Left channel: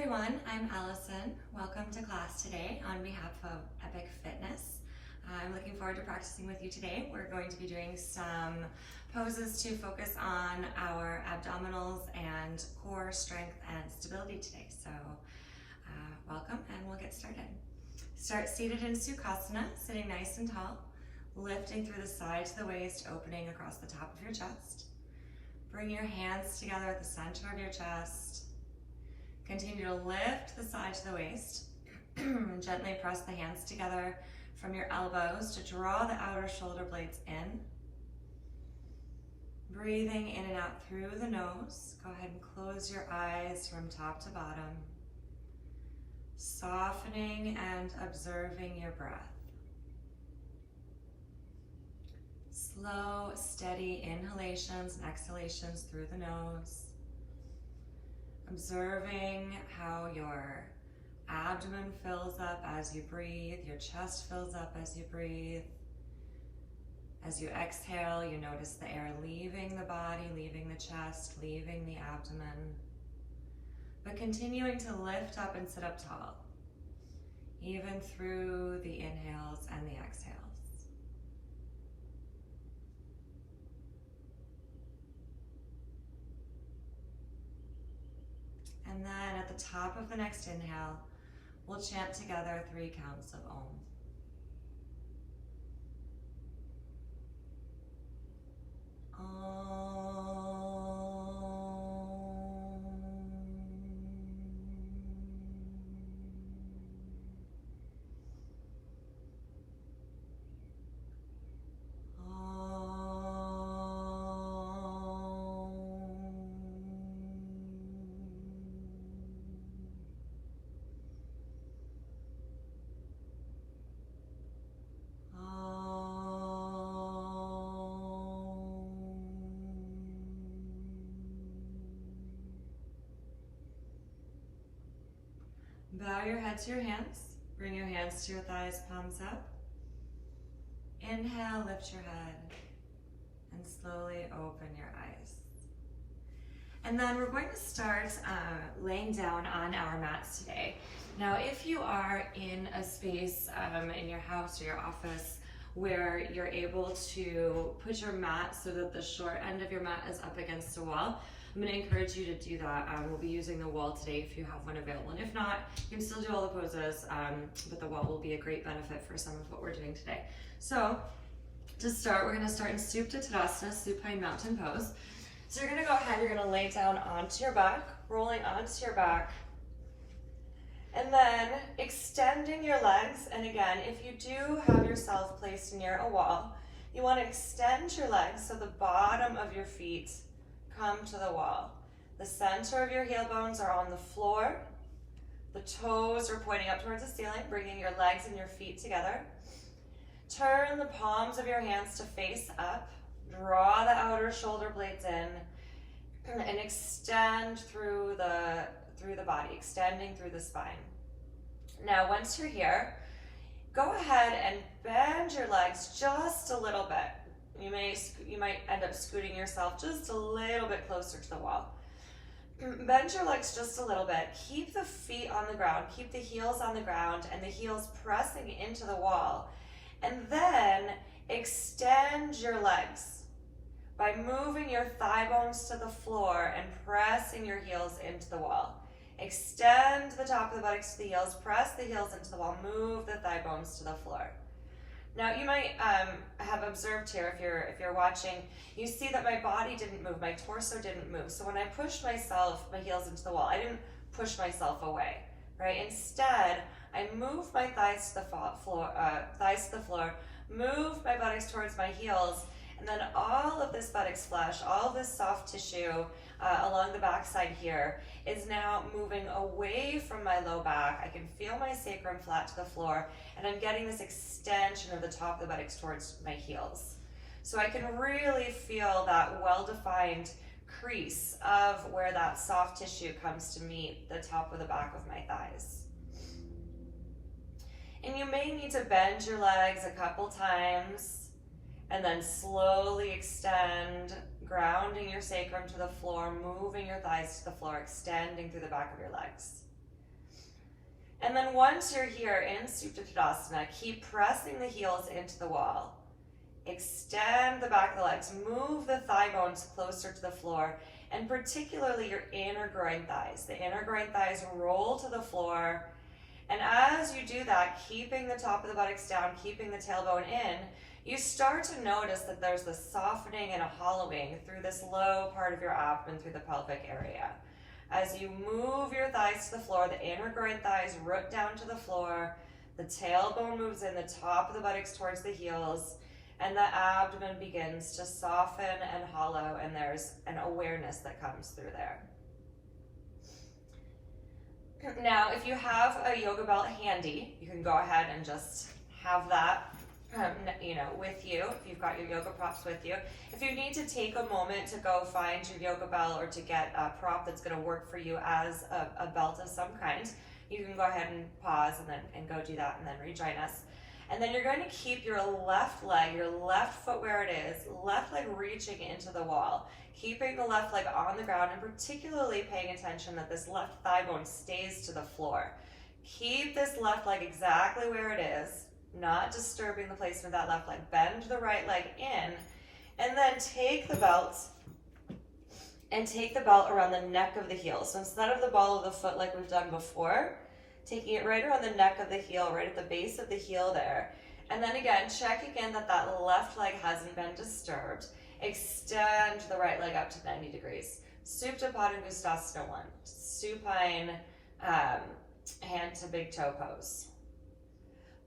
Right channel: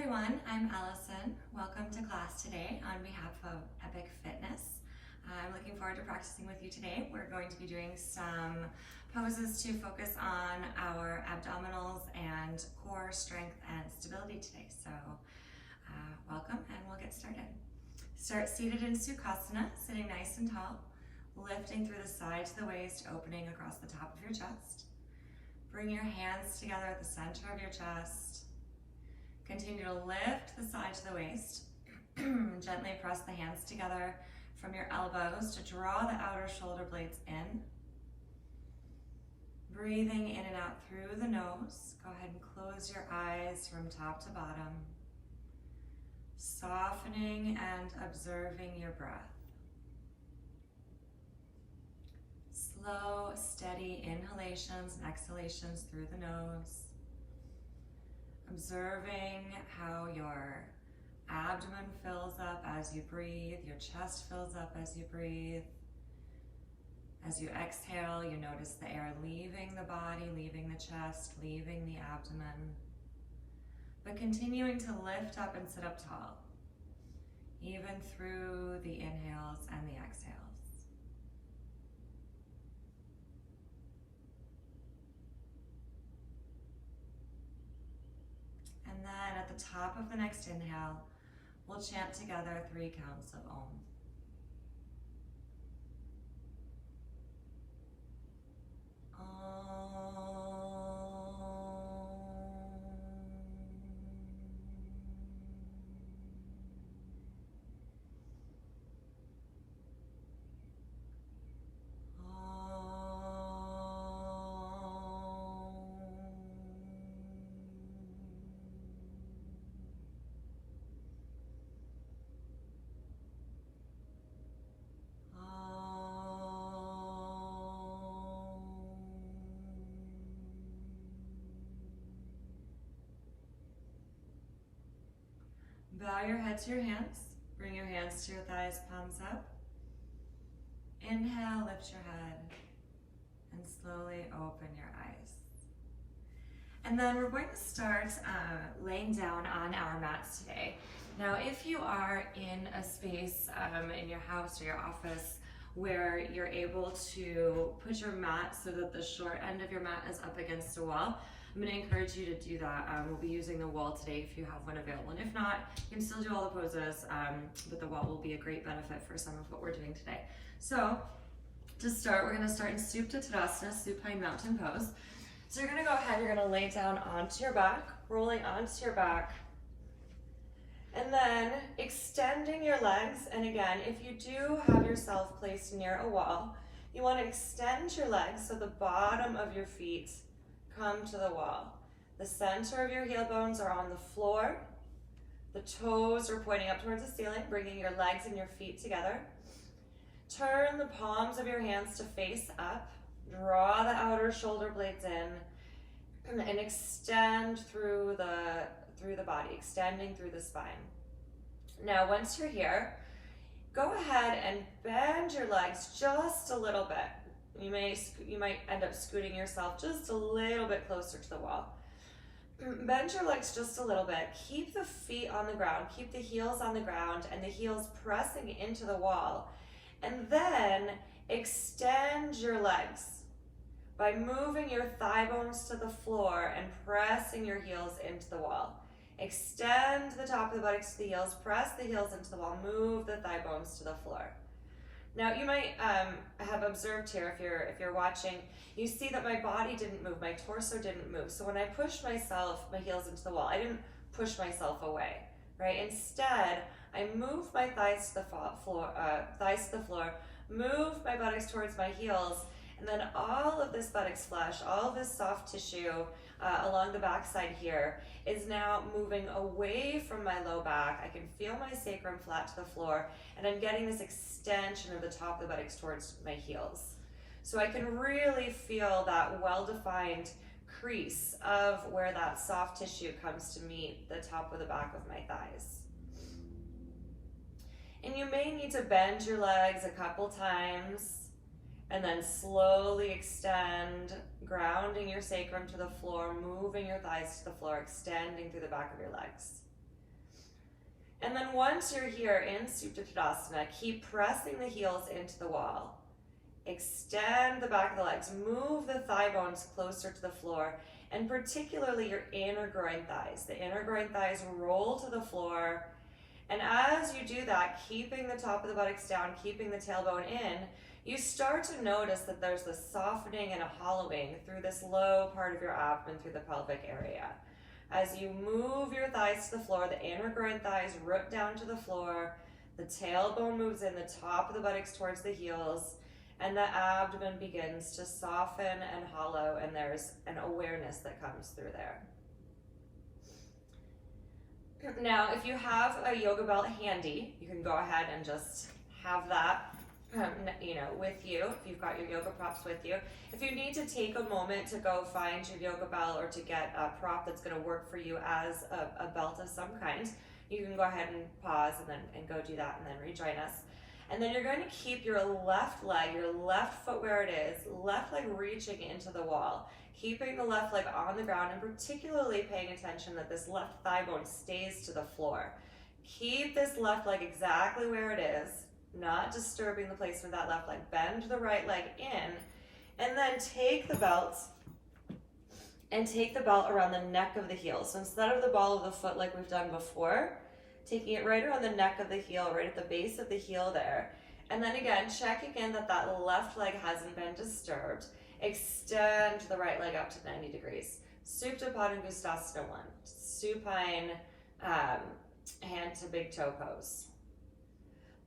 everyone, I'm Alison. Welcome to class today on behalf of Epic Fitness. I'm looking forward to practicing with you today. We're going to be doing some poses to focus on our abdominals and core strength and stability today. So welcome, and we'll get started. Start seated in Sukhasana, sitting nice and tall, lifting through the sides of the waist, opening across the top of your chest. Bring your hands together at the center of your chest. Continue to lift the sides of the waist. Gently press the hands together from your elbows to draw the outer shoulder blades in. Breathing in and out through the nose. Go ahead and close your eyes from top to bottom. Softening and observing your breath. Slow, steady inhalations and exhalations through the nose. Observing how your abdomen fills up as you breathe, your chest fills up as you breathe. As you exhale, you notice the air leaving the body, leaving the chest, leaving the abdomen. But continuing to lift up and sit up tall, even through the inhales and the exhales. And then at the top of the next inhale, we'll chant together 3 counts of Om. Bow your head to your hands. Bring your hands to your thighs, palms up. Inhale, lift your head, and slowly open your eyes. And then we're going to start laying down on our mats today. Now, if you are in a space in your house or your office where you're able to put your mat so that the short end of your mat is up against the wall, I'm going to encourage you to do that. We'll be using the wall today if you have one available. And if not, you can still do all the poses, but the wall will be a great benefit for some of what we're doing today. So to start, we're going to start in Supta Tadasana, supine mountain pose. So you're going to go ahead, you're going to lay down onto your back, rolling onto your back, and then extending your legs. And again, if you do have yourself placed near a wall, you want to extend your legs so the bottom of your feet come to the wall. The center of your heel bones are on the floor. The toes are pointing up towards the ceiling, bringing your legs and your feet together. Turn the palms of your hands to face up. Draw the outer shoulder blades in and extend through the body, extending through the spine. Now, once you're here, go ahead and bend your legs just a little bit. You might end up scooting yourself just a little bit closer to the wall. Bend your legs just a little bit. Keep the feet on the ground. Keep the heels on the ground and the heels pressing into the wall. And then extend your legs by moving your thigh bones to the floor and pressing your heels into the wall. Extend the top of the buttocks to the heels. Press the heels into the wall. Move the thigh bones to the floor. Now you might have observed here, if you're watching, you see that my body didn't move, my torso didn't move. So when I pushed my heels into the wall, I didn't push myself away, right? Instead, I moved my thighs to the floor, moved my buttocks towards my heels, and then all of this buttocks flesh, all of this soft tissue along the backside here is now moving away from my low back. I can feel my sacrum flat to the floor, and I'm getting this extension of the top of the buttocks towards my heels. So I can really feel that well-defined crease of where that soft tissue comes to meet the top of the back of my thighs. And you may need to bend your legs a couple times and then slowly extend, grounding your sacrum to the floor, moving your thighs to the floor, extending through the back of your legs. And then once you're here in Supta Tadasana, keep pressing the heels into the wall. Extend the back of the legs, move the thigh bones closer to the floor, and particularly your inner groin thighs. The inner groin thighs roll to the floor. And as you do that, keeping the top of the buttocks down, keeping the tailbone in, you start to notice that there's a softening and a hollowing through this low part of your abdomen, through the pelvic area. As you move your thighs to the floor, the inner groin thighs root down to the floor, the tailbone moves in, the top of the buttocks towards the heels, and the abdomen begins to soften and hollow, and there's an awareness that comes through there. Now, if you have a yoga belt handy, you can go ahead and just have that with you, if you've got your yoga props with you. If you need to take a moment to go find your yoga belt or to get a prop that's going to work for you as a belt of some kind, you can go ahead and pause and go do that and then rejoin us. And then you're going to keep your left leg, your left foot where it is, left leg reaching into the wall, keeping the left leg on the ground and particularly paying attention that this left thigh bone stays to the floor. Keep this left leg exactly where it is, not disturbing the placement of that left leg. Bend the right leg in, and then take the belt around the neck of the heel. So instead of the ball of the foot like we've done before, taking it right around the neck of the heel, right at the base of the heel there. And then again, checking in that that left leg hasn't been disturbed. Extend the right leg up to 90 degrees. Supta Padangusthasana I, supine hand to big toe pose.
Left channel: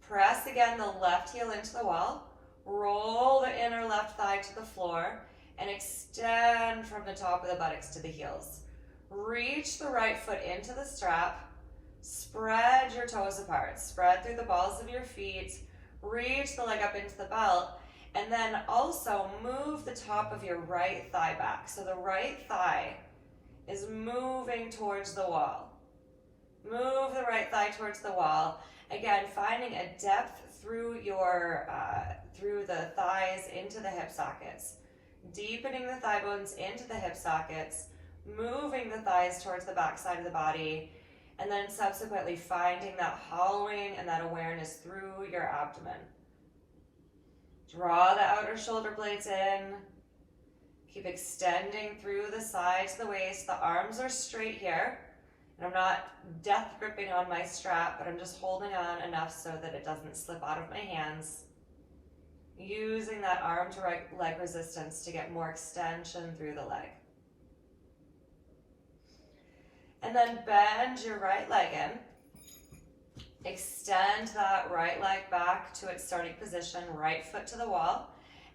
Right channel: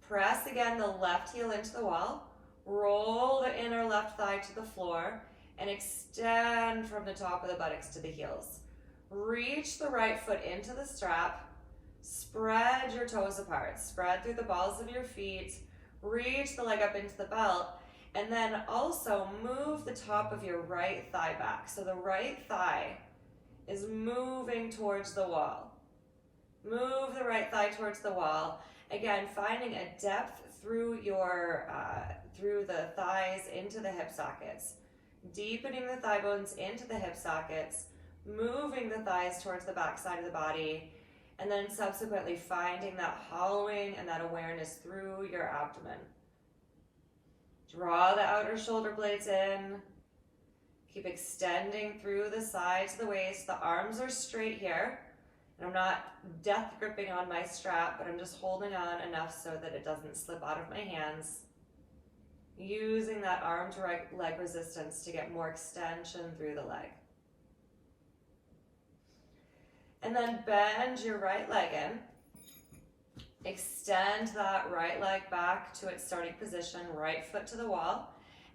Press again the left heel into the wall, roll the inner left thigh to the floor, and extend from the top of the buttocks to the heels. Reach the right foot into the strap, spread your toes apart, spread through the balls of your feet, reach the leg up into the belt, and then also move the top of your right thigh back. So the right thigh is moving towards the wall. Move the right thigh towards the wall. Again, finding a depth through through the thighs into the hip sockets. Deepening the thigh bones into the hip sockets, moving the thighs towards the back side of the body, and then subsequently finding that hollowing and that awareness through your abdomen. Draw the outer shoulder blades in. Keep extending through the sides of the waist. The arms are straight here. And I'm not death gripping on my strap, but I'm just holding on enough so that it doesn't slip out of my hands. Using that arm to leg resistance to get more extension through the leg. And then bend your right leg in. Extend that right leg back to its starting position, right foot to the wall.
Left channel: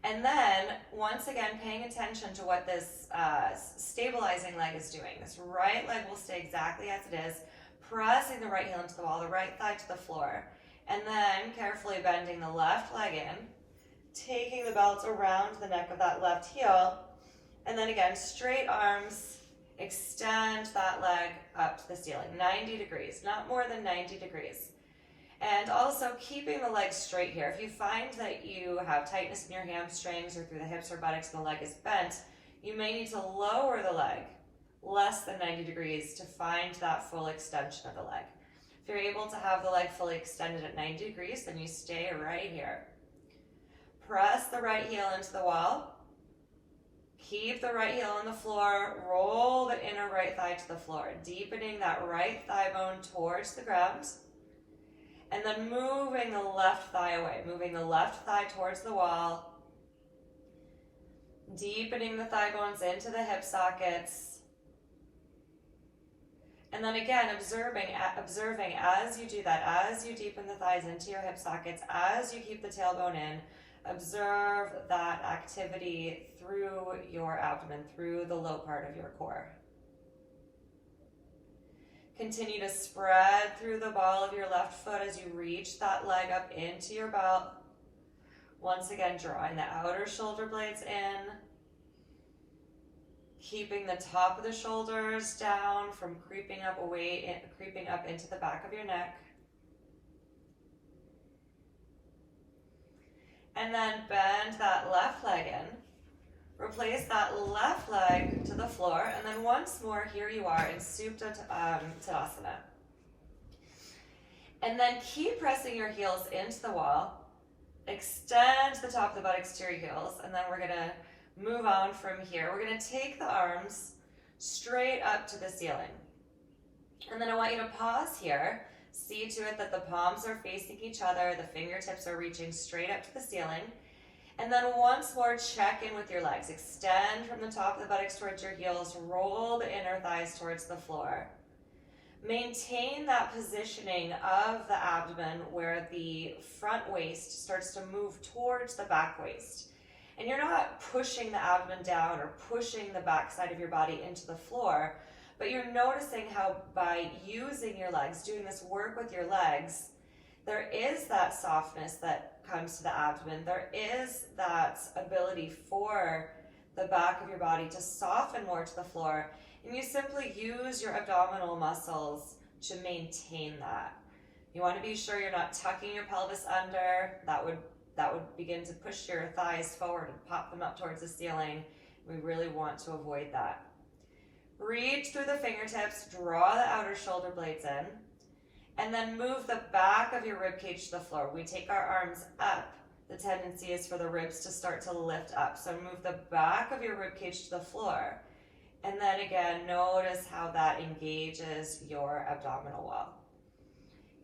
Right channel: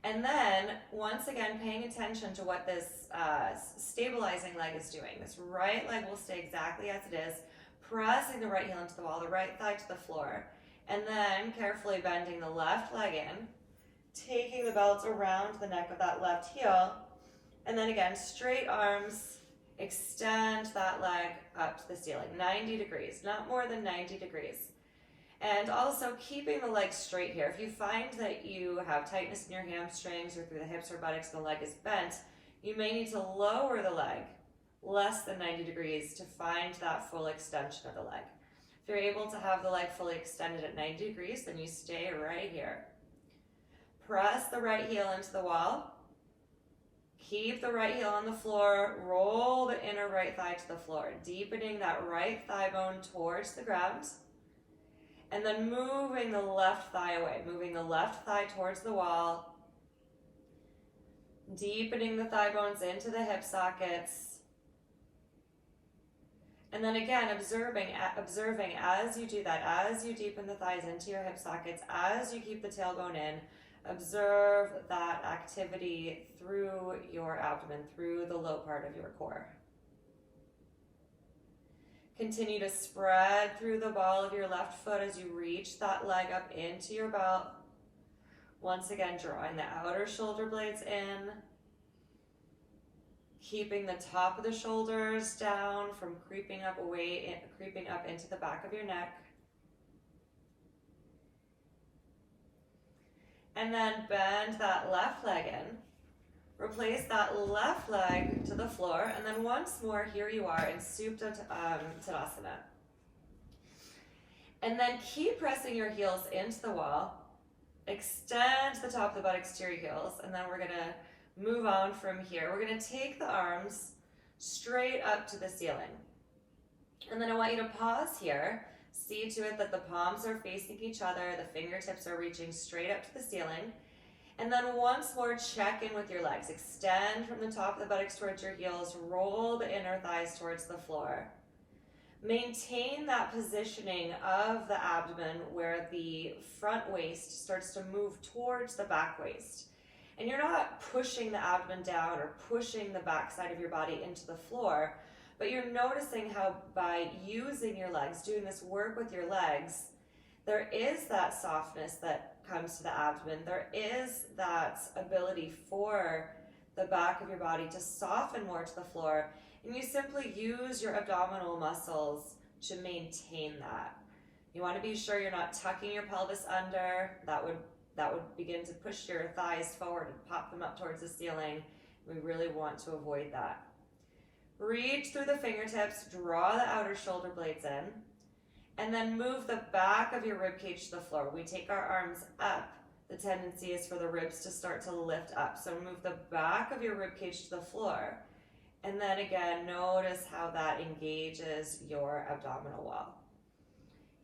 And then, once again, paying attention to what this stabilizing leg is doing. This right leg will stay exactly as it is, pressing the right heel into the wall, the right thigh to the floor. And then, carefully bending the left leg in, taking the belt around the neck of that left heel. And then again, straight arms, extend that leg up to the ceiling, 90 degrees, not more than 90 degrees. And also keeping the legs straight here. If you find that you have tightness in your hamstrings or through the hips or buttocks and the leg is bent, you may need to lower the leg less than 90 degrees to find that full extension of the leg. If you're able to have the leg fully extended at 90 degrees, then you stay right here. Press the right heel into the wall. Keep the right heel on the floor. Roll the inner right thigh to the floor, deepening that right thigh bone towards the ground. And then moving the left thigh away, moving the left thigh towards the wall, deepening the thigh bones into the hip sockets. And then again, observing as you do that, as you deepen the thighs into your hip sockets, as you keep the tailbone in, observe that activity through your abdomen, through the low part of your core. Continue to spread through the ball of your left foot as you reach that leg up into your belt. Once again, drawing the outer shoulder blades in. Keeping the top of the shoulders down from creeping up into the back of your neck. And then bend that left leg in. Replace that left leg to the floor, and then once more, here you are in Supta Tadasana. And then keep pressing your heels into the wall. Extend the top of the buttocks to your heels, and then we're gonna move on from here. We're gonna take the arms straight up to the ceiling. And then I want you to pause here. See to it that the palms are facing each other, the fingertips are reaching straight up to the ceiling. And then once more, check in with your legs. Extend from the top of the buttocks towards your heels, roll the inner thighs towards the floor. Maintain that positioning of the abdomen where the front waist starts to move towards the back waist. And you're not pushing the abdomen down or pushing the back side of your body into the floor, but you're noticing how by using your legs, doing this work with your legs, there is that softness that comes to the abdomen. There is that ability for the back of your body to soften more to the floor. And you simply use your abdominal muscles to maintain that. You want to be sure you're not tucking your pelvis under. That would begin to push your thighs forward and pop them up towards the ceiling. We really want to avoid that. Reach through the fingertips, draw the outer shoulder blades in, and then move the back of your rib cage to the floor. We take our arms up. The tendency is for the ribs to start to lift up. So move the back of your rib cage to the floor. And then again, notice how that engages your abdominal wall.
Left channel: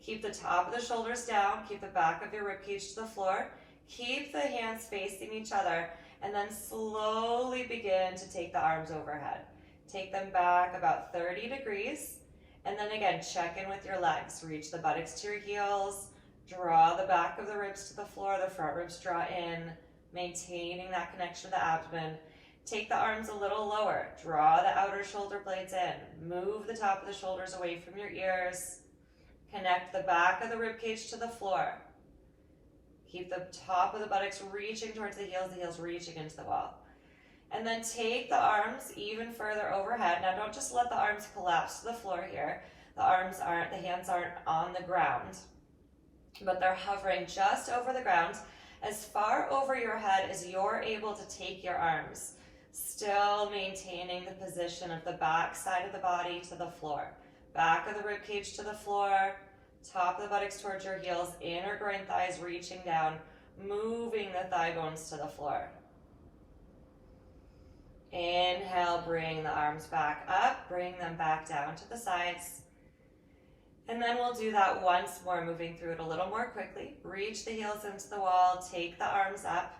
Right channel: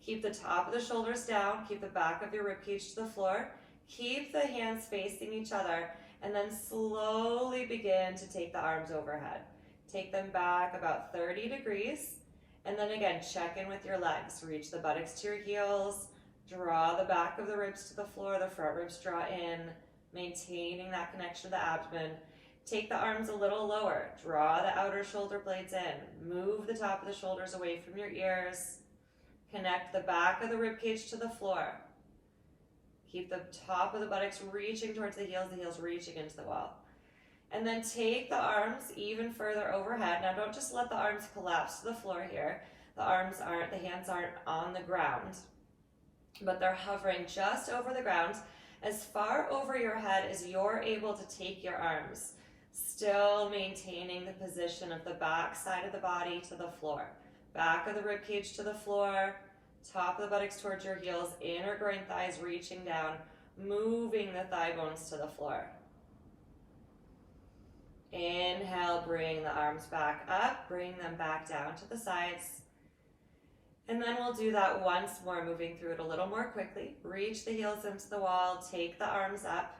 Keep the top of the shoulders down. Keep the back of your rib cage to the floor. Keep the hands facing each other. And then slowly begin to take the arms overhead. Take them back about 30 degrees. And then again, check in with your legs. Reach the buttocks to your heels. Draw the back of the ribs to the floor. The front ribs draw in, maintaining that connection to the abdomen. Take the arms a little lower. Draw the outer shoulder blades in. Move the top of the shoulders away from your ears. Connect the back of the rib cage to the floor. Keep the top of the buttocks reaching towards the heels reaching into the wall. And then take the arms even further overhead. Now don't just let the arms collapse to the floor here. The hands aren't on the ground, but they're hovering just over the ground, as far over your head as you're able to take your arms, still maintaining the position of the back side of the body to the floor. Back of the rib cage to the floor, top of the buttocks towards your heels, inner groin thighs reaching down, moving the thigh bones to the floor. Inhale, bring the arms back up, bring them back down to the sides. And then we'll do that once more, moving through it a little more quickly. Reach the heels into the wall, take the arms up,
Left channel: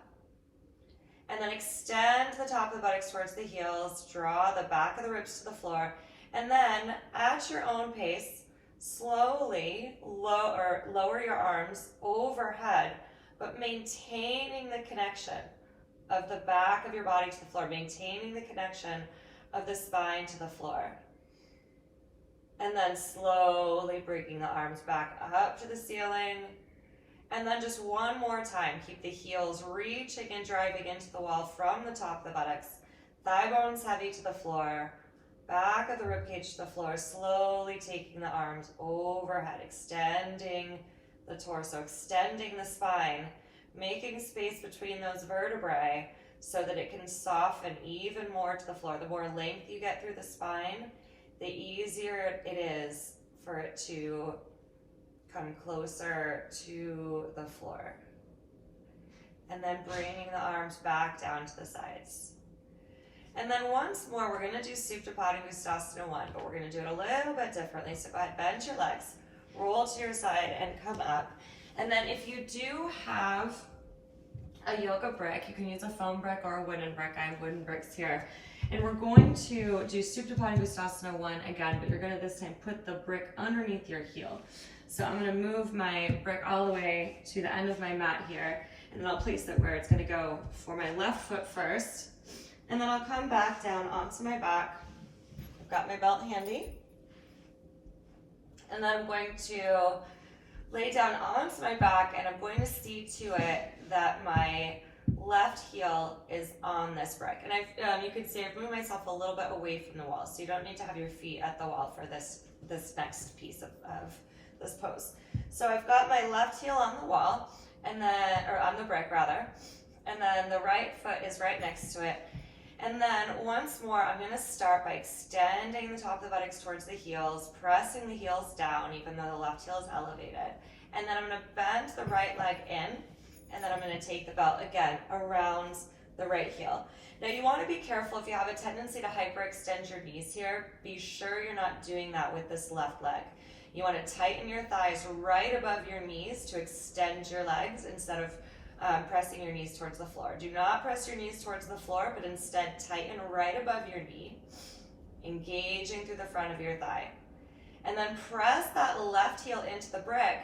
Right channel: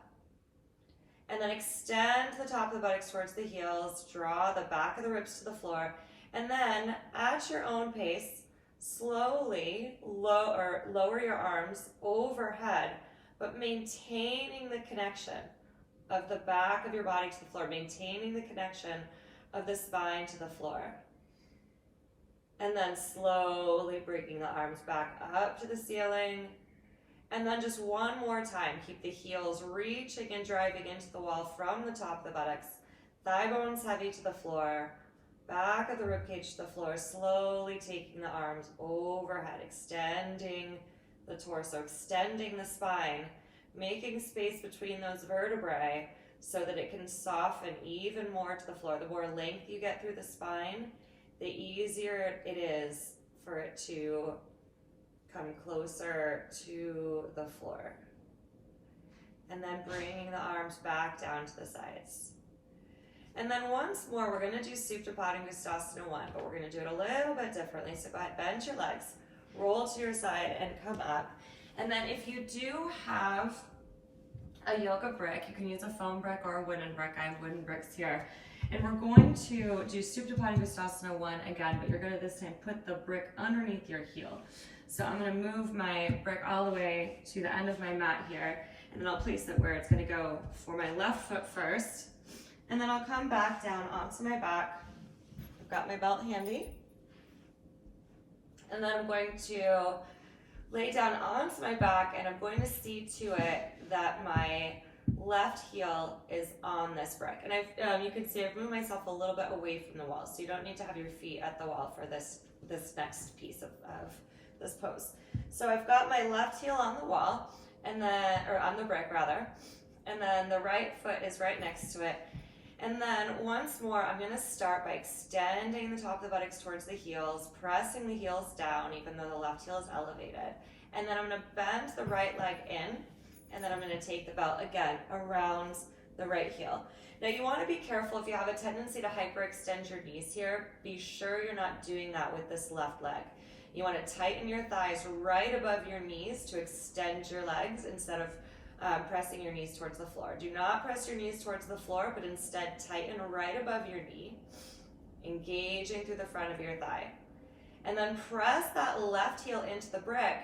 and then extend the top of the buttocks towards the heels, draw the back of the ribs to the floor, and then at your own pace, slowly lower your arms overhead, but maintaining the connection of the back of your body to the floor, maintaining the connection of the spine to the floor. And then slowly bringing the arms back up to the ceiling. And then just one more time, keep the heels reaching and driving into the wall from the top of the buttocks. Thigh bones heavy to the floor. Back of the ribcage to the floor. Slowly taking the arms overhead, extending the torso, extending the spine, making space between those vertebrae so that it can soften even more to the floor. The more length you get through the spine, the easier it is for it to come closer to the floor. And then bringing the arms back down to the sides. And then once more, we're going to do Supta Padangusthasana I, but we're going to do it a little bit differently. So go ahead, bend your legs, roll to your side, and come up. And then if you do have a yoga brick, you can use a foam brick or a wooden brick. I have wooden bricks here. And we're going to do Supta Padangusthasana I again, but you're going to this time put the brick underneath your heel. So I'm going to move my brick all the way to the end of my mat here, and then I'll place it where it's going to go for my left foot first. And then I'll come back down onto my back. I've got my belt handy. And then I'm going to lay down onto my back, and I'm going to see to it that my left heel is on this brick. And you can see I've moved myself a little bit away from the wall, so you don't need to have your feet at the wall for this next piece of this pose. So I've got my left heel on the wall, and then, or on the brick rather, and then the right foot is right next to it. And then once more, I'm gonna start by extending the top of the buttocks towards the heels, pressing the heels down even though the left heel is elevated. And then I'm gonna bend the right leg in, and then I'm gonna take the belt again around the right heel. Now you wanna be careful if you have a tendency to hyperextend your knees here, be sure you're not doing that with this left leg. You wanna tighten your thighs right above your knees to extend your legs instead of pressing your knees towards the floor. Do not press your knees towards the floor, but instead tighten right above your knee, engaging through the front of your thigh. And then press that left heel into the brick,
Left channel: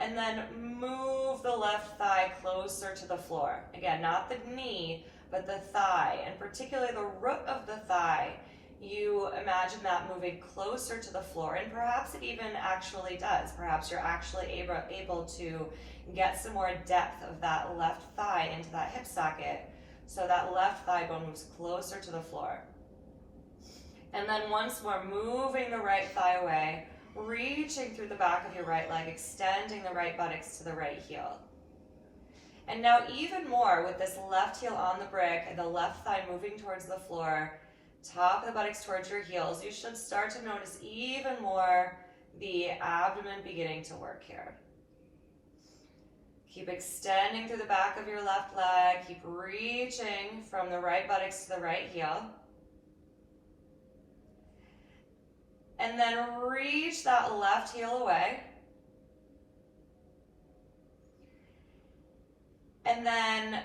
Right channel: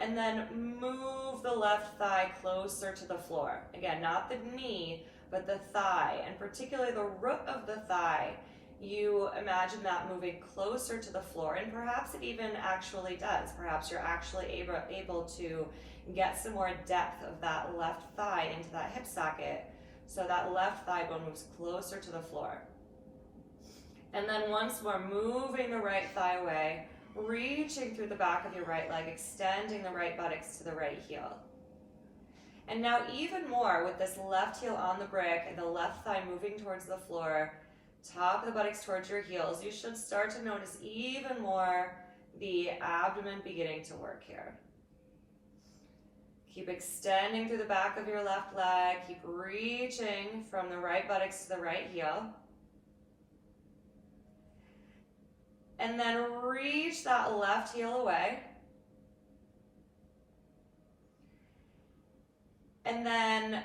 and then move the left thigh closer to the floor. Again, not the knee, but the thigh, and particularly the root of the thigh. You imagine that moving closer to the floor, and perhaps it even actually does. Perhaps you're actually able to get some more depth of that left thigh into that hip socket, so that left thigh bone moves closer to the floor. And then once more, moving the right thigh away, reaching through the back of your right leg, extending the right buttocks to the right heel. And now even more with this left heel on the brick and the left thigh moving towards the floor, top of the buttocks towards your heels, you should start to notice even more the abdomen beginning to work here. Keep extending through the back of your left leg. Keep reaching from the right buttocks to the right heel. And then reach that left heel away. And then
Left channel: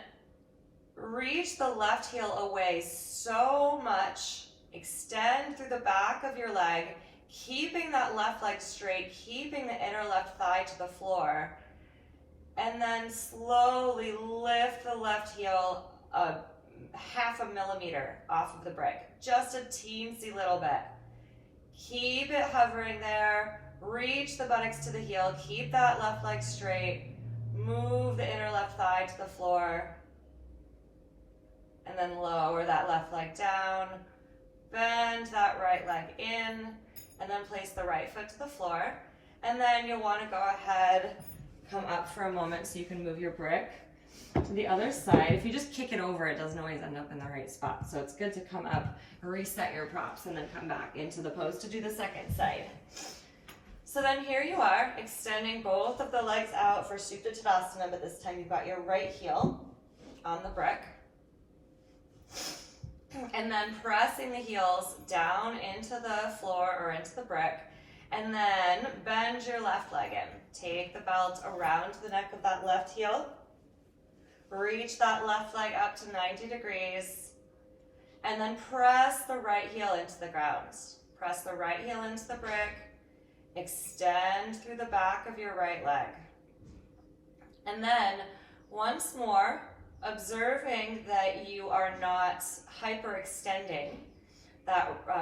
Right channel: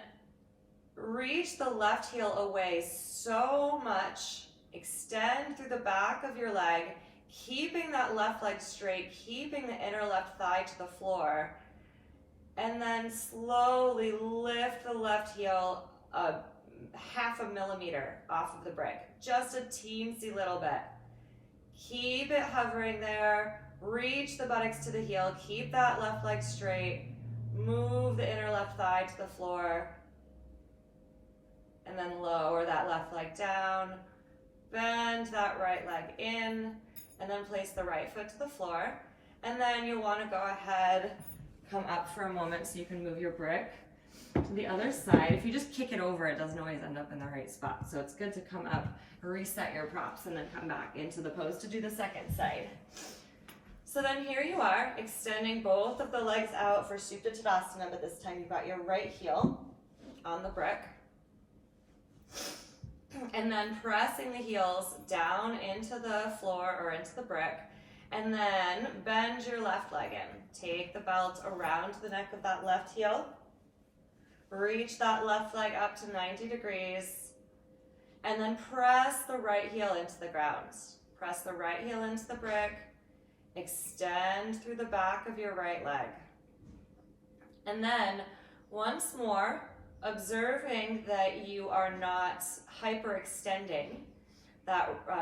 reach the left heel away so much. Extend through the back of your leg, keeping that left leg straight, keeping the inner left thigh to the floor. And then slowly lift the left heel a half a millimeter off of the brick. Just a teensy little bit. Keep it hovering there. Reach the buttocks to the heel. Keep that left leg straight. Move the inner left thigh to the floor. And then lower that left leg down. Bend that right leg in. And then place the right foot to the floor. And then you'll want to go ahead, come up for a moment so you can move your brick to the other side. If you just kick it over, it doesn't always end up in the right spot. So it's good to come up, reset your props, and then come back into the pose to do the second side. So then here you are, extending both of the legs out for Supta Tadasana, but this time you've got your right heel on the brick. And then pressing the heels down into the floor or into the brick. And then bend your left leg in. Take the belt around the neck of that left heel. Reach that left leg up to 90 degrees. And then press the right heel into the ground. Press the right heel into the brick. Extend through the back of your right leg. And then once more, observing that you are not hyperextending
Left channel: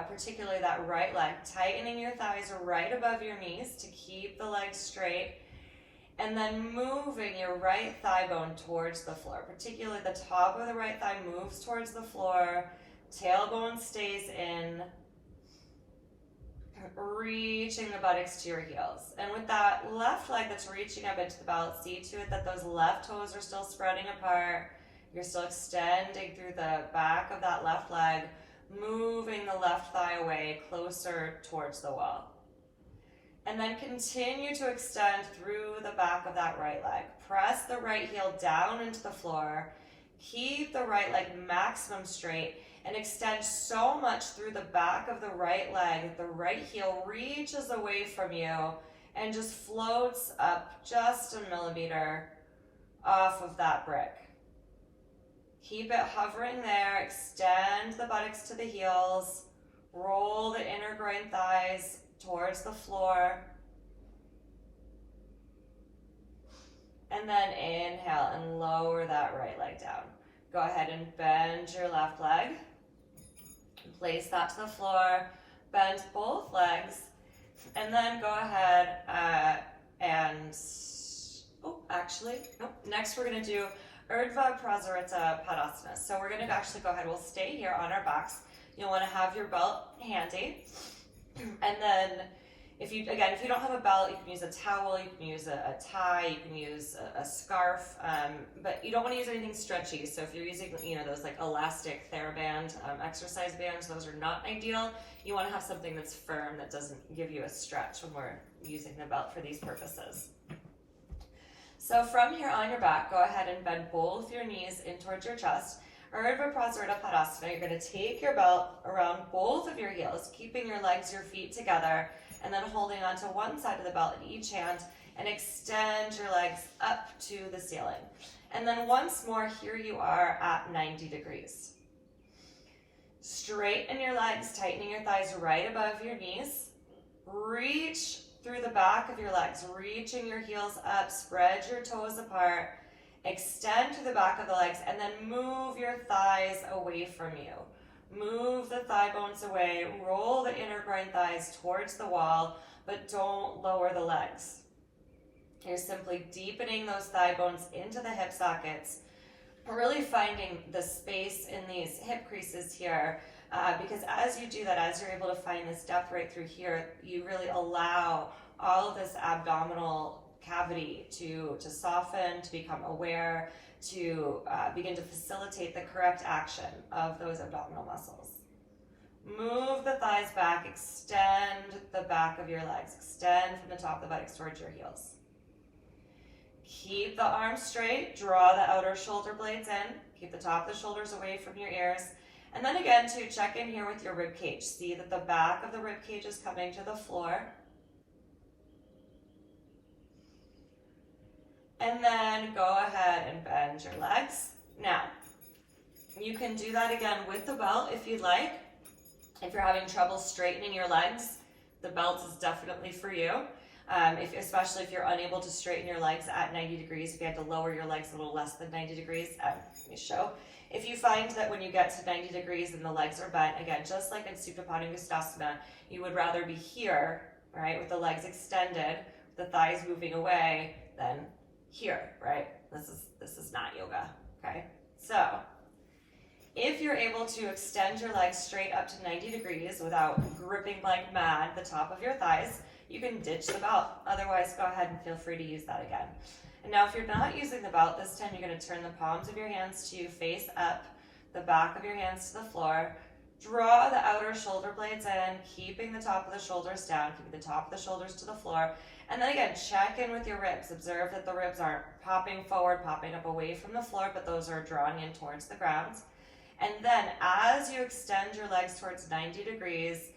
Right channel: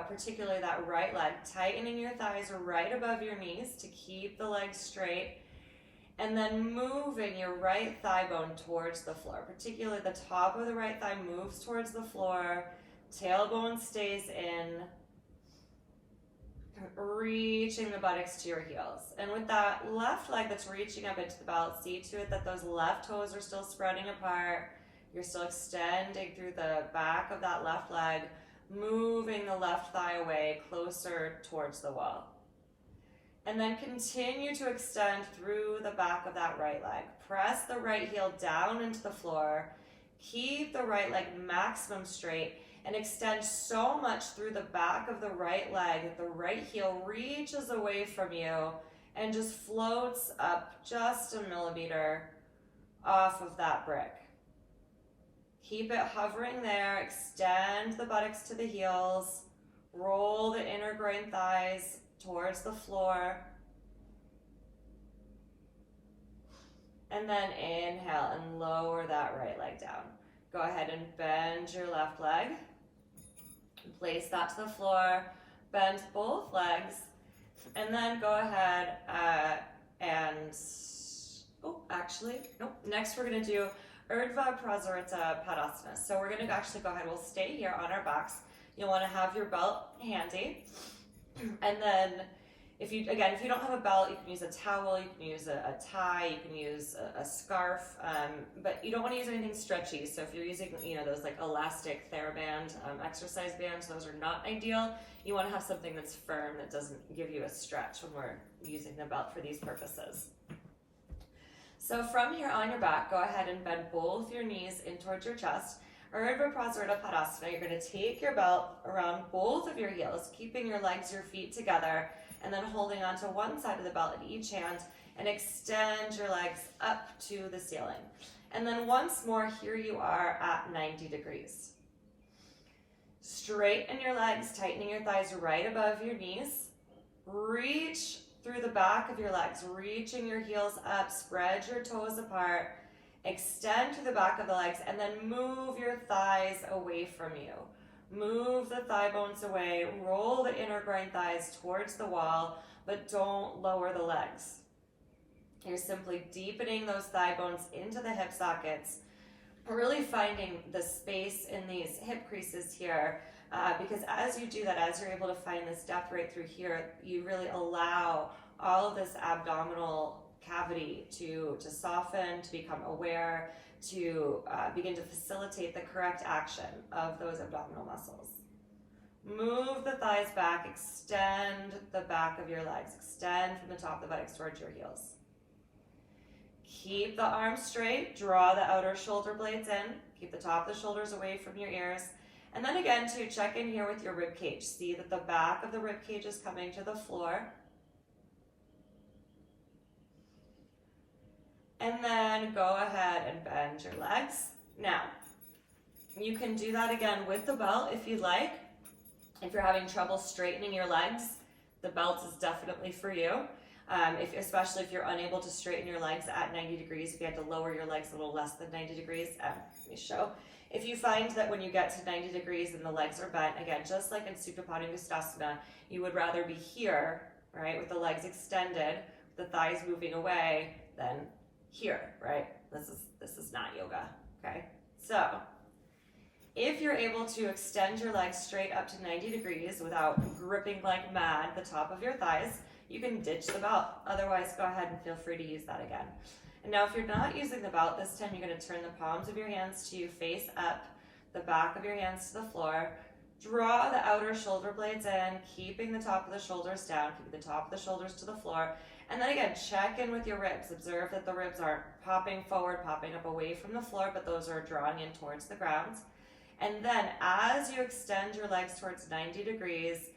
particularly that right leg, tightening your thighs right above your knees to keep the legs straight, and then moving your right thigh bone towards the floor, particularly the top of the right thigh moves towards the floor, tailbone stays in, reaching the buttocks to your heels. And with that left leg that's reaching up into the belt, see to it that those left toes are still spreading apart. You're still extending through the back of that left leg, moving the left thigh away closer towards the wall. And then continue to extend through the back of that right leg. Press the right heel down into the floor. Keep the right leg maximum straight and extend so much through the back of the right leg that the right heel reaches away from you and just floats up just a millimeter off of that brick. Keep it hovering there. Extend the buttocks to the heels. Roll the inner groin thighs towards the floor. And then inhale and lower that right leg down. Go ahead and bend your left leg. Place that to the floor. Bend both legs. And then go ahead next we're going to do Urdhva Prasarita Padasana. So we're going to actually go ahead, we'll stay here on our backs. You'll want to have your belt handy. And then If you don't have a belt, you can use a towel, you can use a tie, you can use a scarf, but you don't want to use anything stretchy. So if you're using, those like elastic TheraBand exercise bands, those are not ideal. You want to have something that's firm that doesn't give you a stretch when we're using the belt for these purposes. So from here on your back, go ahead and bend both your knees in towards your chest. Urdhva Prasarita Padasana, you're going to take your belt around both of your heels, keeping your legs, your feet together, and then holding onto one side of the belt in each hand, and extend your legs up to the ceiling. And then once more, here you are at 90 degrees. Straighten your legs, tightening your thighs right above your knees. Reach through the back of your legs, reaching your heels up, spread your toes apart, extend to the back of the legs, and then move your thighs away from you. Move the thigh bones away, roll the inner groin thighs towards the wall, but don't lower the legs. You're simply deepening those thigh bones into the hip sockets, really finding the space in these hip creases here, because as you do that, as you're able to find this depth right through here, you really allow all of this abdominal cavity to soften, to become aware, to begin to facilitate the correct action of those abdominal muscles. Move the thighs back, extend the back of your legs, extend from the top of the buttocks towards your heels. Keep the arms straight, draw the outer shoulder blades in, keep the top of the shoulders away from your ears, and then again to check in here with your rib cage. See that the back of the rib cage is coming to the floor. And then go ahead and bend your legs. Now, you can do that again with the belt if you'd like. If you're having trouble straightening your legs, the belt is definitely for you. Especially if you're unable to straighten your legs at 90 degrees, if you had to lower your legs a little less than 90 degrees, let me show. If you find that when you get to 90 degrees and the legs are bent, again, just like in Supta Padangusthasana, you would rather be here, right, with the legs extended, the thighs moving away, than here, right? This is not yoga, okay? So, if you're able to extend your legs straight up to 90 degrees without gripping like mad the top of your thighs, you can ditch the belt. Otherwise, go ahead and feel free to use that again. And now if you're not using the belt, this time you're going to turn the palms of your hands to face up, the back of your hands to the floor. Draw the outer shoulder blades in, keeping the top of the shoulders down, keeping the top of the shoulders to the floor. And then again, check in with your ribs. Observe that the ribs aren't popping forward, popping up away from the floor, but those are drawing in towards the ground. And then as you extend your legs towards 90 degrees,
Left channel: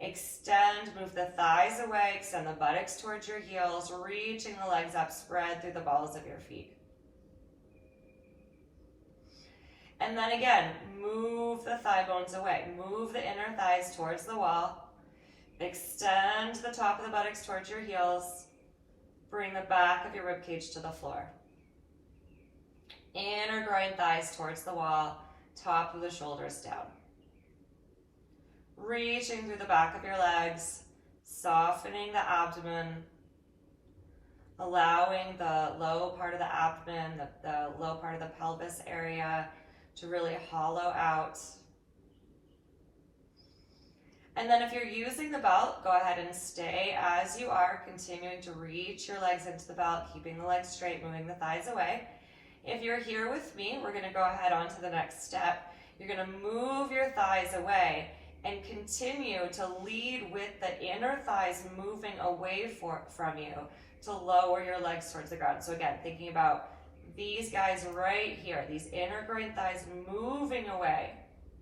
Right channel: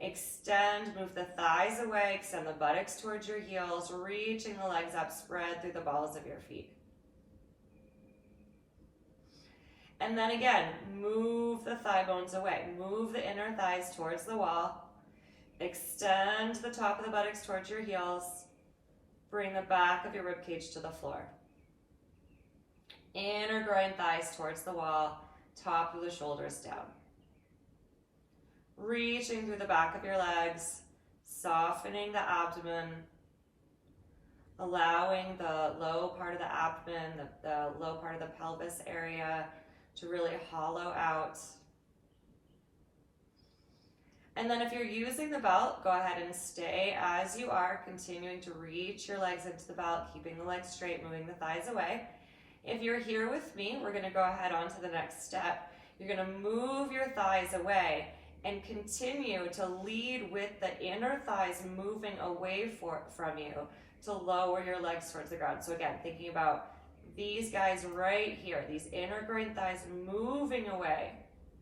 extend, move the thighs away, extend the buttocks towards your heels, reaching the legs up, spread through the balls of your feet. And then again, move the thigh bones away. Move the inner thighs towards the wall. Extend the top of the buttocks towards your heels. Bring the back of your rib cage to the floor. Inner groin thighs towards the wall. Top of the shoulders down. Reaching through the back of your legs. Softening the abdomen. Allowing the low part of the abdomen, the low part of the pelvis area to really hollow out. And then if you're using the belt, go ahead and stay as you are, continuing to reach your legs into the belt, keeping the legs straight, moving the thighs away. If you're here with me, we're going to go ahead on to the next step. You're going to move your thighs away and continue to lead with the inner thighs moving away from you to lower your legs towards the ground. So again, thinking about these guys right here, these inner groin thighs moving away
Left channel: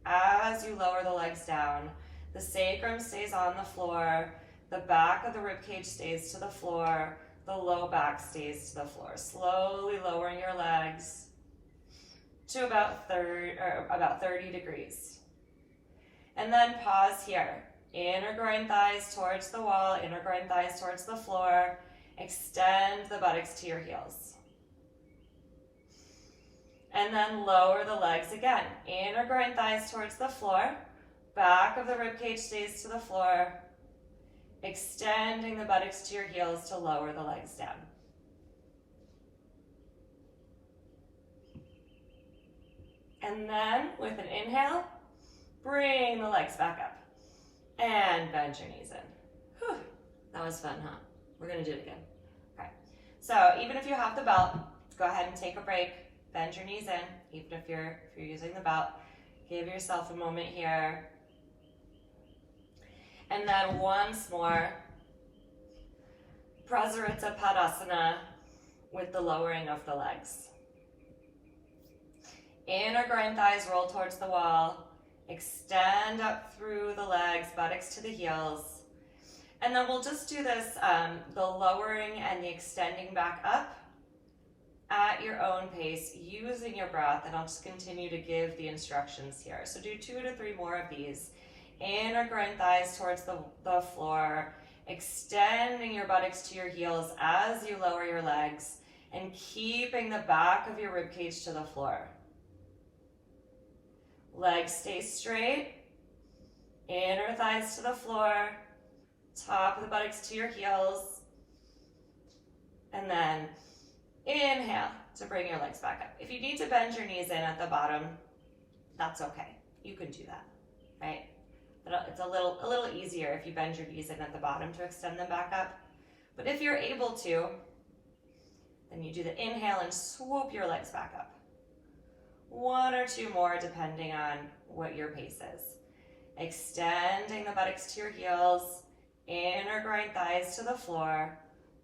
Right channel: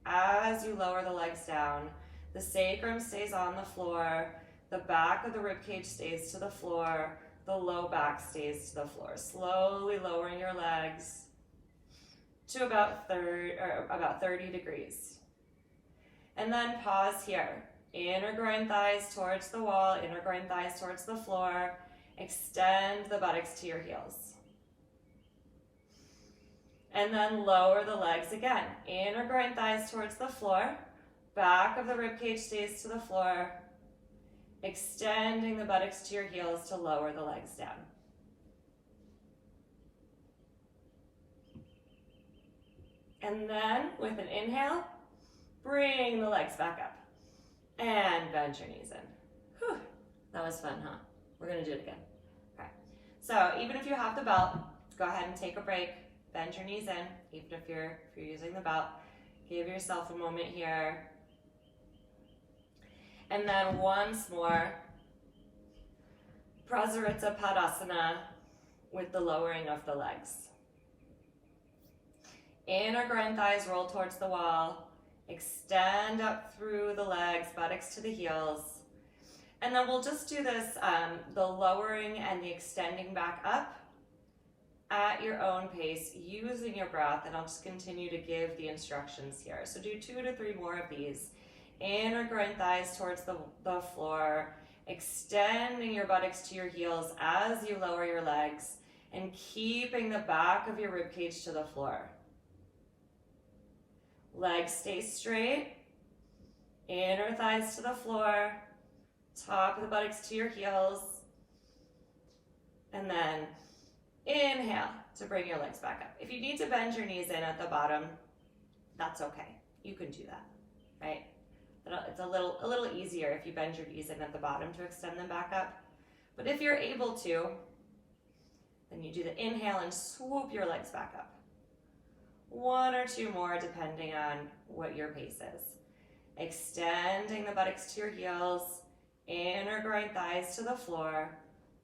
as you lower the legs down. The sacrum stays on the floor, the back of the rib cage stays to the floor, the low back stays to the floor. Slowly lowering your legs to about 30 degrees. And then pause here. Inner groin thighs towards the wall, inner groin thighs towards the floor. Extend the buttocks to your heels. And then lower the legs again. Inner groin thighs towards the floor. Back of the rib cage stays to the floor. Extending the buttocks to your heels to lower the legs down. And then with an inhale, bring the legs back up. And bend your knees in. Whew, That was fun, huh? We're gonna do it again. All right. So even if you have the belt, go ahead and take a break. Bend your knees in, even if you're using the belt. Give yourself a moment here. And then once more, Prasarita Padasana with the lowering of the legs. Inner groin thighs roll towards the wall. Extend up through the legs, buttocks to the heels. And then we'll just do this, the lowering and the extending back up at your own pace, using your breath, and I'll just continue to give the instructions here. So do 2 to 3 more of these. Inner groin thighs towards the floor, extending your buttocks to your heels as you lower your legs, and keeping the back of your ribcage to the floor. Legs stay straight, inner thighs to the floor, top of the buttocks to your heels, and then inhale to bring your legs back up. If you need to bend your knees in at the bottom, that's okay. You can do that, right? But it's a little easier if you bend your knees in at the bottom to extend them back up. But if you're able to, then you do the inhale and swoop your legs back up. 1 or 2 more depending on what your pace is. Extending the buttocks to your heels, inner groin thighs to the floor,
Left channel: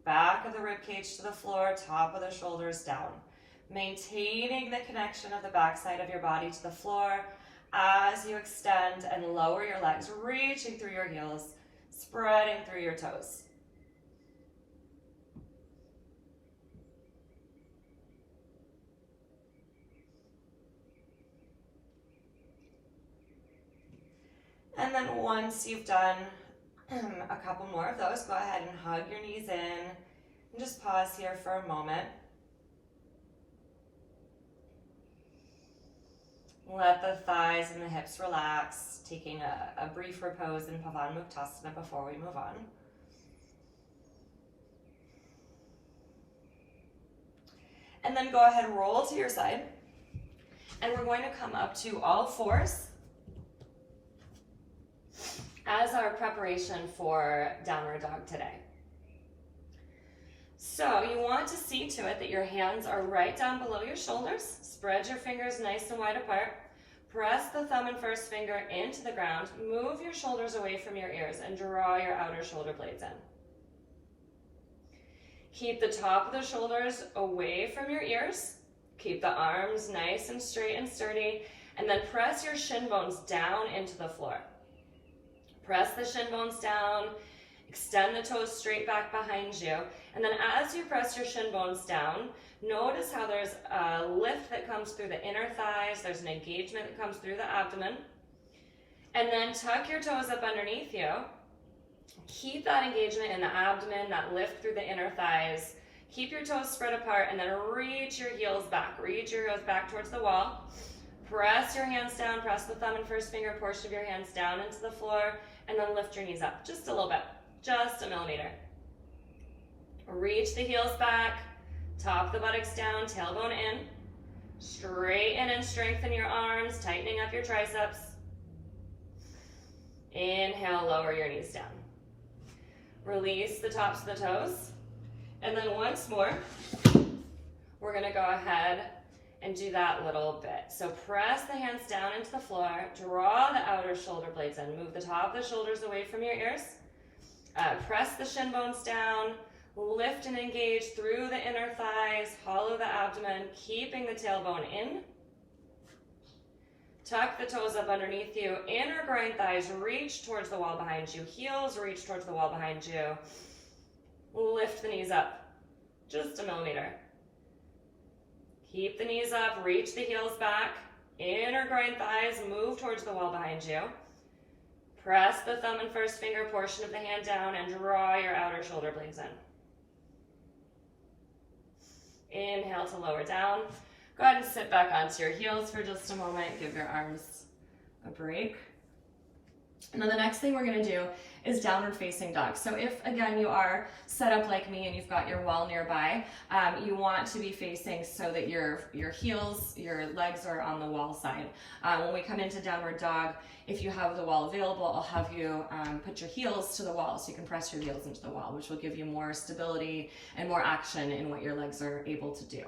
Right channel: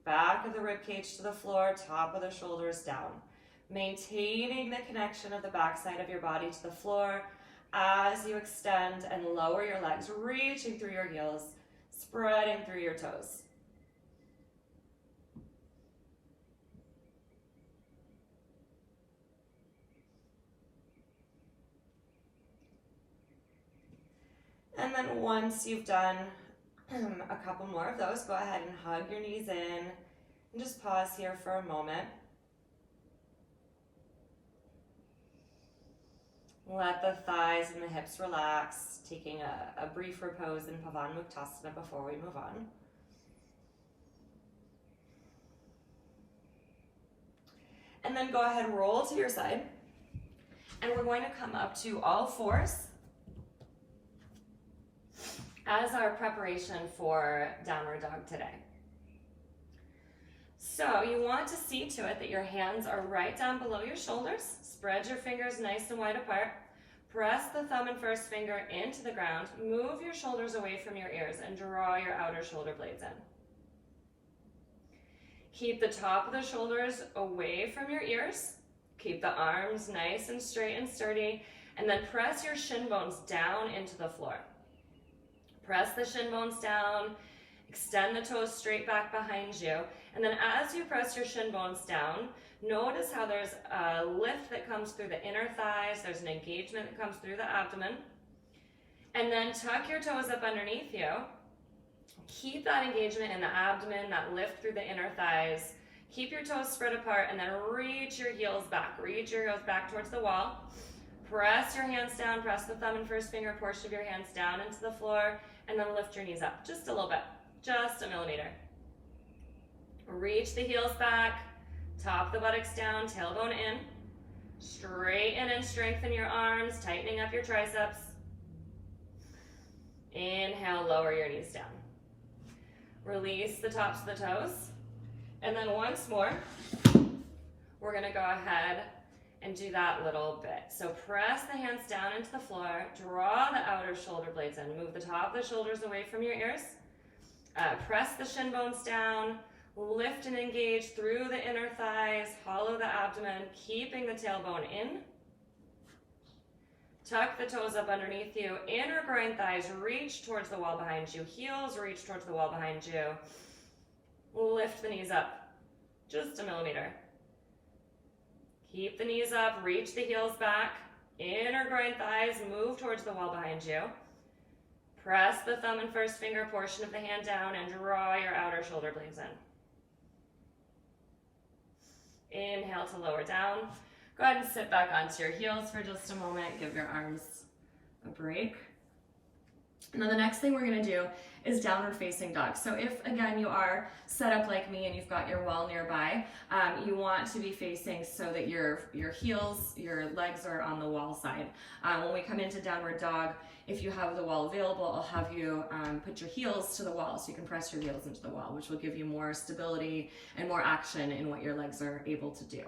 back of the ribcage to the floor, top of the shoulders down. Maintaining the connection of the backside of your body to the floor as you extend and lower your legs, reaching through your heels, spreading through your toes. And then once you've done a couple more of those, go ahead and hug your knees in and just pause here for a moment. Let the thighs and the hips relax, taking a brief repose in Pavan Mukhtasana before we move on. And then go ahead and roll to your side. And we're going to come up to all fours as our preparation for downward dog today. So you want to see to it that your hands are right down below your shoulders. Spread your fingers nice and wide apart. Press the thumb and first finger into the ground. Move your shoulders away from your ears and draw your outer shoulder blades in. Keep the top of the shoulders away from your ears. Keep the arms nice and straight and sturdy. And then press your shin bones down into the floor. Press the shin bones down, extend the toes straight back behind you, and then as you press your shin bones down, notice how there's a lift that comes through the inner thighs, there's an engagement that comes through the abdomen, and then tuck your toes up underneath you. Keep that engagement in the abdomen, that lift through the inner thighs. Keep your toes spread apart, and then reach your heels back. Reach your heels back towards the wall. Press your hands down, press the thumb and first finger portion of your hands down into the floor, and then lift your knees up just a little bit, just a millimeter. Reach the heels back, top the buttocks down, tailbone in. Straighten and strengthen your arms, tightening up your triceps. Inhale, lower your knees down. Release the tops of the toes. And then once more, we're gonna go ahead and do that little bit. So press the hands down into the floor, draw the outer shoulder blades in, move the top of the shoulders away from your ears, press the shin bones down, lift and engage through the inner thighs, hollow the abdomen, keeping the tailbone in. Tuck the toes up underneath you, inner groin thighs reach towards the wall behind you, heels reach towards the wall behind you. Lift the knees up, just a millimeter. Keep the knees up, reach the heels back, inner groin thighs move towards the wall behind you. Press the thumb and first finger portion of the hand down and draw your outer shoulder blades in. Inhale to lower down. Go ahead and sit back onto your heels for just a moment. Give your arms a break. Now the next thing we're going to do is downward facing dog. So if, again, you are set up like me and you've got your wall nearby, you want to be facing so that your heels, your legs are on the wall side. When we come into downward dog, if you have the wall available, I'll have you put your heels to the wall so you can press your heels into the wall, which will give you more stability and more action in what your legs are able to do.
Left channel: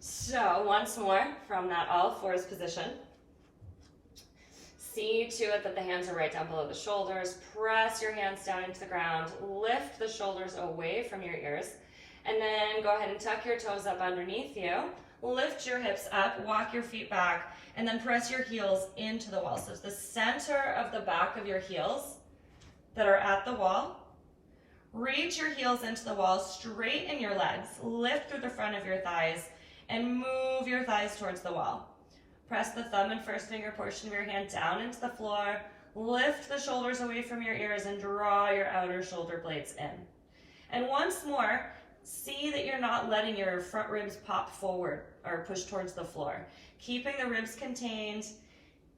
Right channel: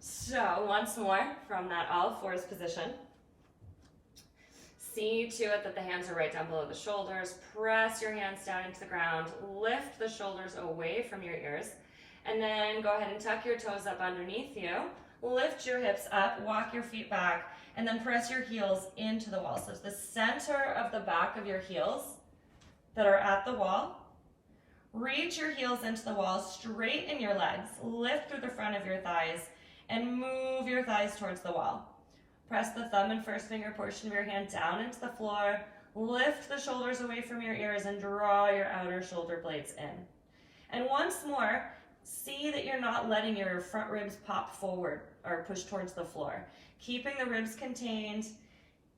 So once more, from that all fours position, see to it that the hands are right down below the shoulders. Press your hands down into the ground. Lift the shoulders away from your ears. And then go ahead and tuck your toes up underneath you. Lift your hips up, walk your feet back, and then press your heels into the wall. So it's the center of the back of your heels that are at the wall. Reach your heels into the wall, straighten your legs, lift through the front of your thighs, and move your thighs towards the wall. Press the thumb and first finger portion of your hand down into the floor. Lift the shoulders away from your ears and draw your outer shoulder blades in. And once more, see that you're not letting your front ribs pop forward or push towards the floor. Keeping the ribs contained,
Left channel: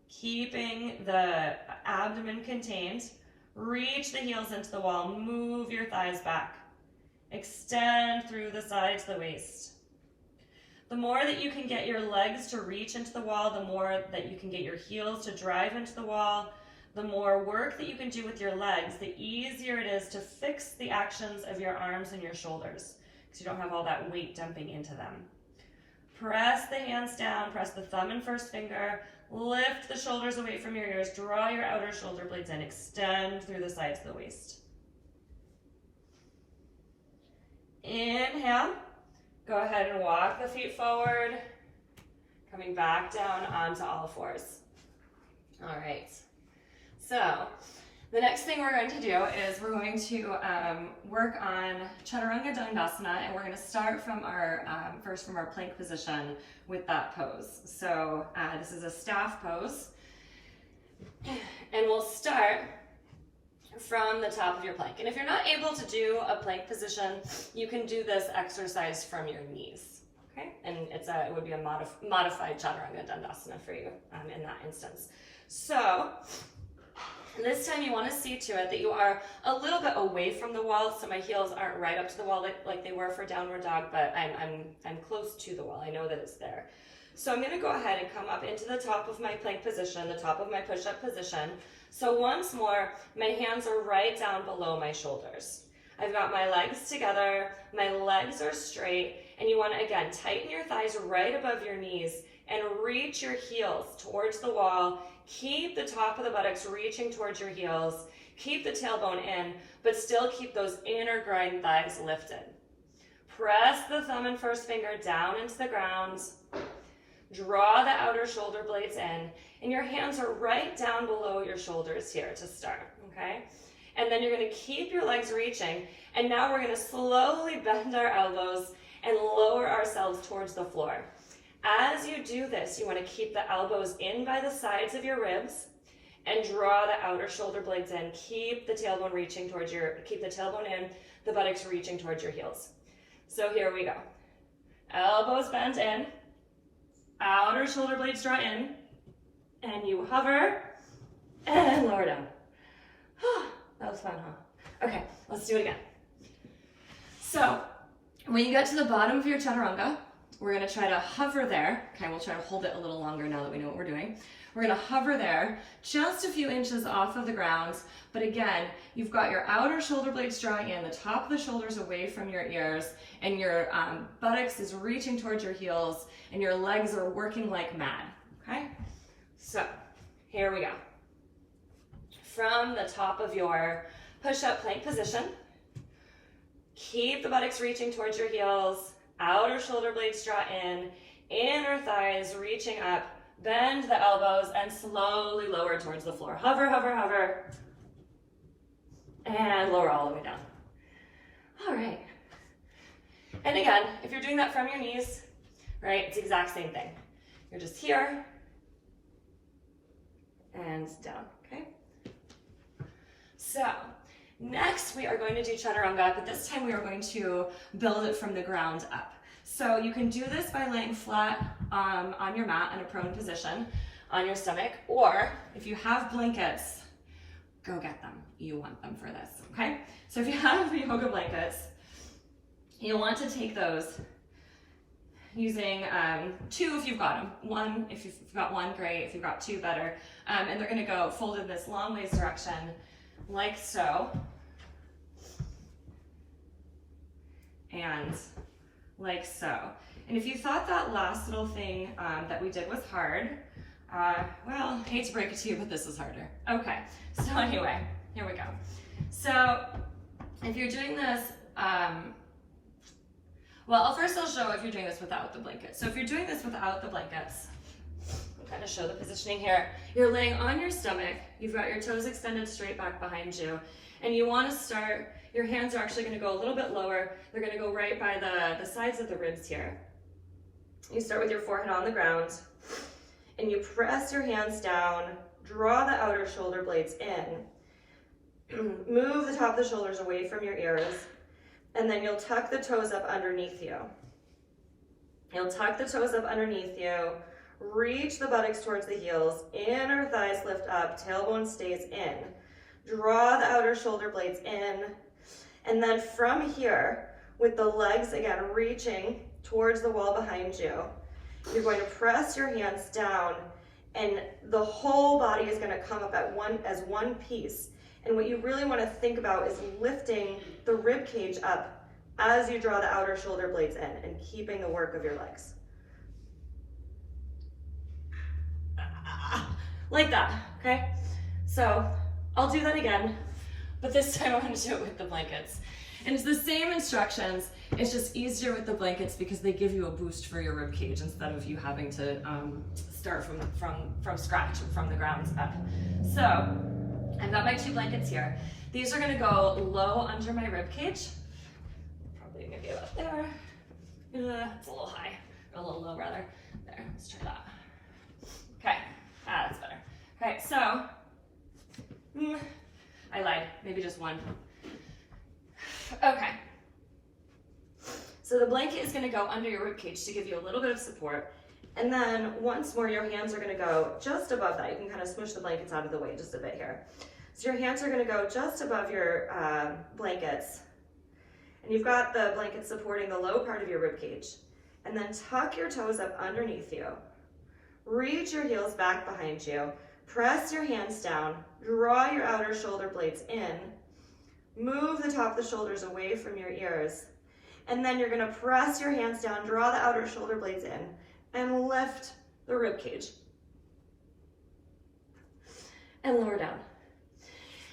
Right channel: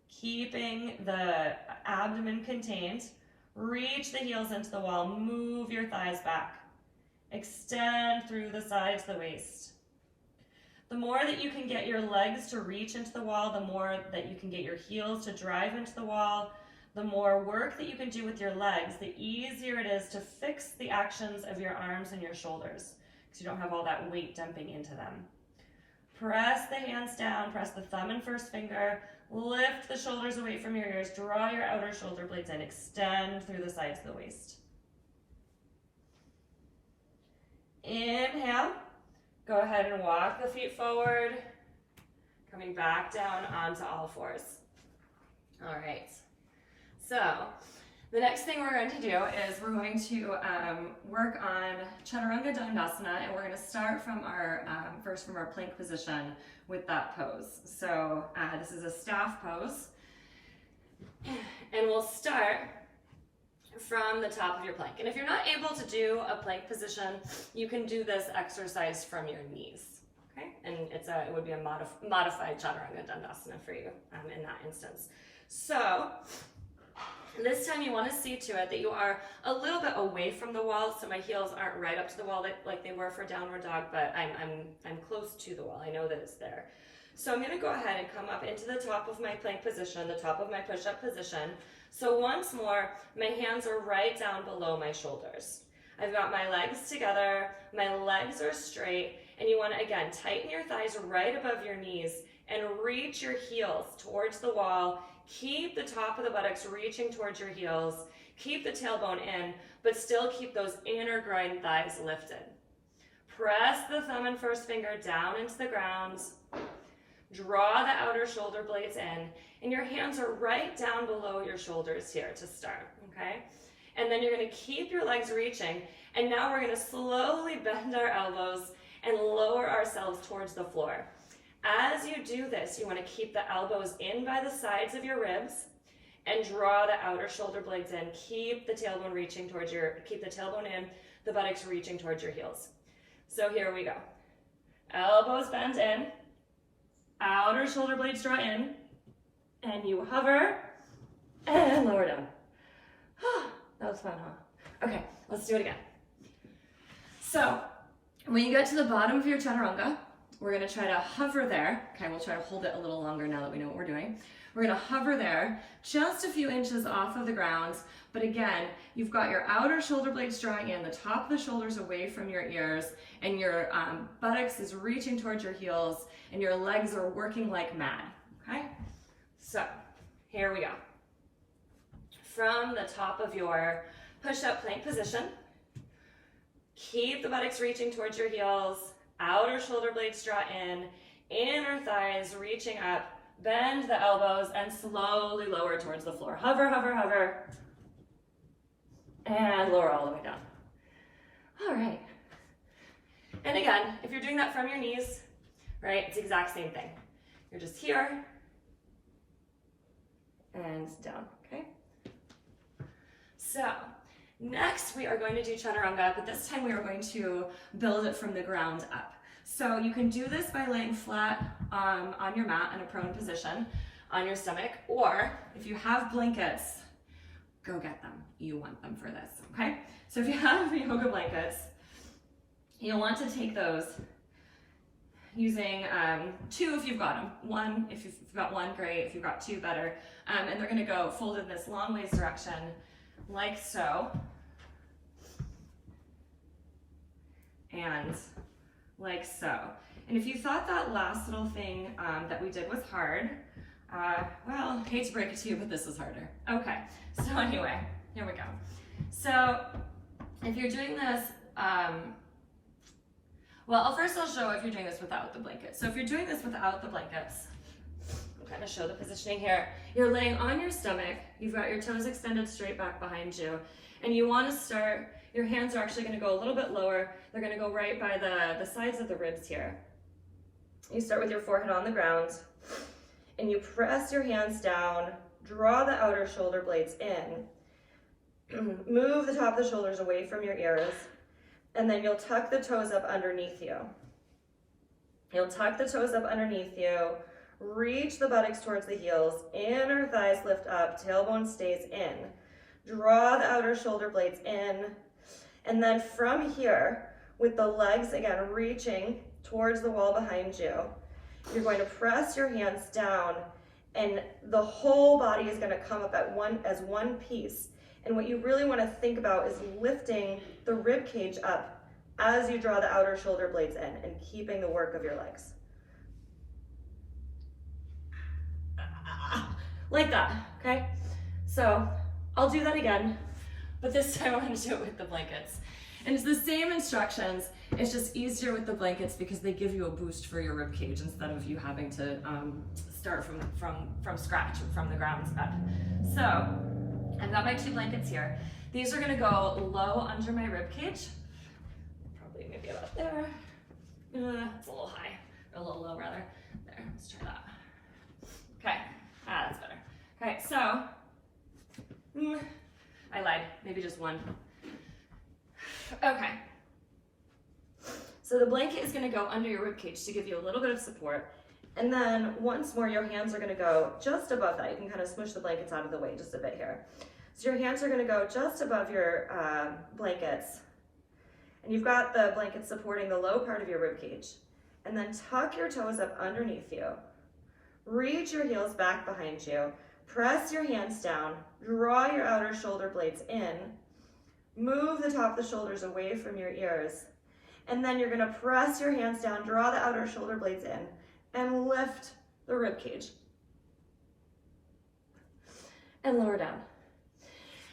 keeping the abdomen contained. Reach the heels into the wall. Move your thighs back. Extend through the sides of the waist. The more that you can get your legs to reach into the wall, the more that you can get your heels to drive into the wall, the more work that you can do with your legs, the easier it is to fix the actions of your arms and your shoulders, because you don't have all that weight dumping into them. Press the hands down, press the thumb and first finger, lift the shoulders away from your ears, draw your outer shoulder blades in, extend through the sides of the waist. Inhale. Go ahead and walk the feet forward, coming back down onto all fours. All right, so the next thing we're going to do is we're going to work on Chaturanga Dandasana, and we're going to start from our, first from our plank position with that pose. So this is a staff pose, and we'll start from the top of your plank. And if you're not able to do a plank position, you can do this exercise from your knees, okay? And it would be a modified Chaturanga Dandasana for you in that instance. So this time you want to see to it that you are a little bit away from the wall, so my heels aren't right up to the wall like they were for downward dog, but I'm close to the wall. I know that it's there. So I'm going to go ahead and come up into the top of my plank position, the top of my push-up position. So once more, my hands are right down below my shoulders. I've got my legs together, my legs are straight, and you want to, again, tighten your thighs right above your knees and reach your heels towards the wall. Keep the top of the buttocks reaching towards your heels. Keep the tailbone in, but still keep those inner groin thighs lifted. Press the thumb and first finger down into the ground. Draw the outer shoulder blades in, and your hands are right down below your shoulders here to start, okay? And then you're going to keep your legs reaching, and now we're going to slowly bend our elbows and lower ourselves towards the floor. As you do this, you want to keep the elbows in by the sides of your ribs and draw the outer shoulder blades in. Keep the tailbone reaching towards keep the tailbone in, the buttocks reaching towards your heels. So here we go. Elbows bent in. Outer shoulder blades draw in, and you hover and lower down. That was fun, huh? Okay, let's do it again. So when you get to the bottom of your chaturanga, we're going to try to hover there. Okay, we'll try to hold it a little longer now that we know what we're doing. We're going to hover there just a few inches off of the ground, but again, you've got your outer shoulder blades drawing in, the top of the shoulders away from your ears, and your buttocks is reaching towards your heels, and your legs are working like mad, okay? So, here we go. From the top of your push-up plank position, keep the buttocks reaching towards your heels, outer shoulder blades draw in, inner thighs reaching up, bend the elbows, and slowly lower towards the floor. Hover, hover, hover, and lower all the way down. All right. And again, if you're doing that from your knees, right, it's the exact same thing. You're just here and down, okay? So next we are going to do chaturanga, but this time we are going to build it from the ground up. So you can do this by laying flat on your mat in a prone position on your stomach, or if you have blankets, go get them. You want them for this, okay? So if you have yoga blankets, you'll want to take those using 2 if you've got them. 1, if you've got 1, great. If you've got 2, better. And they're gonna go folded in this long ways direction, like so. And like so. And if you thought that last little thing that we did was hard, well, hate to break it to you, but this is harder. Okay, so anyway, here we go. So if you're doing this, well, first I'll show if you're doing this without the blanket. So if you're doing this without the blankets, I'm going to show the positioning here. You're laying on your stomach, you've got your toes extended straight back behind you, and you want to start, your hands are actually going to go a little bit lower. They're going to go right by the sides of the ribs here. You start with your forehead on the ground, and you press your hands down, draw the outer shoulder blades in, move the top of the shoulders away from your ears, and then you'll tuck the toes up underneath you. You'll tuck the toes up underneath you, reach the buttocks towards the heels, inner thighs lift up, tailbone stays in. Draw the outer shoulder blades in, and then from here, with the legs again reaching towards the wall behind you, you're going to press your hands down, and the whole body is going to come up as one piece. And what you really want to think about is lifting the rib cage up as you draw the outer shoulder blades in and keeping the work of your legs. Like that, okay? So I'll do that again, but this time I'm going to do it with the blankets. And it's the same instructions, it's just easier with the blankets because they give you a boost for your rib cage instead of you having to start from scratch or from the ground up. So I've got my 2 blankets here. These are going to go low under my rib cage, probably maybe about there. It's a little high, or a little low rather. There, let's try that. Okay, that's better. Okay, so I lied, maybe just 1. Okay, so the blanket is going to go under your rib cage to give you a little bit of support, and then once more your hands are going to go just above that. You can kind of smush the blankets out of the way just a bit here. So your hands are going to go just above your blankets, and you've got the blanket supporting the low part of your rib cage, and then tuck your toes up underneath you, reach your heels back behind you, press your hands down, draw your outer shoulder blades in, move the top of the shoulders away from your ears, and then you're going to press your hands down, draw the outer shoulder blades in, and lift the rib cage. And lower down.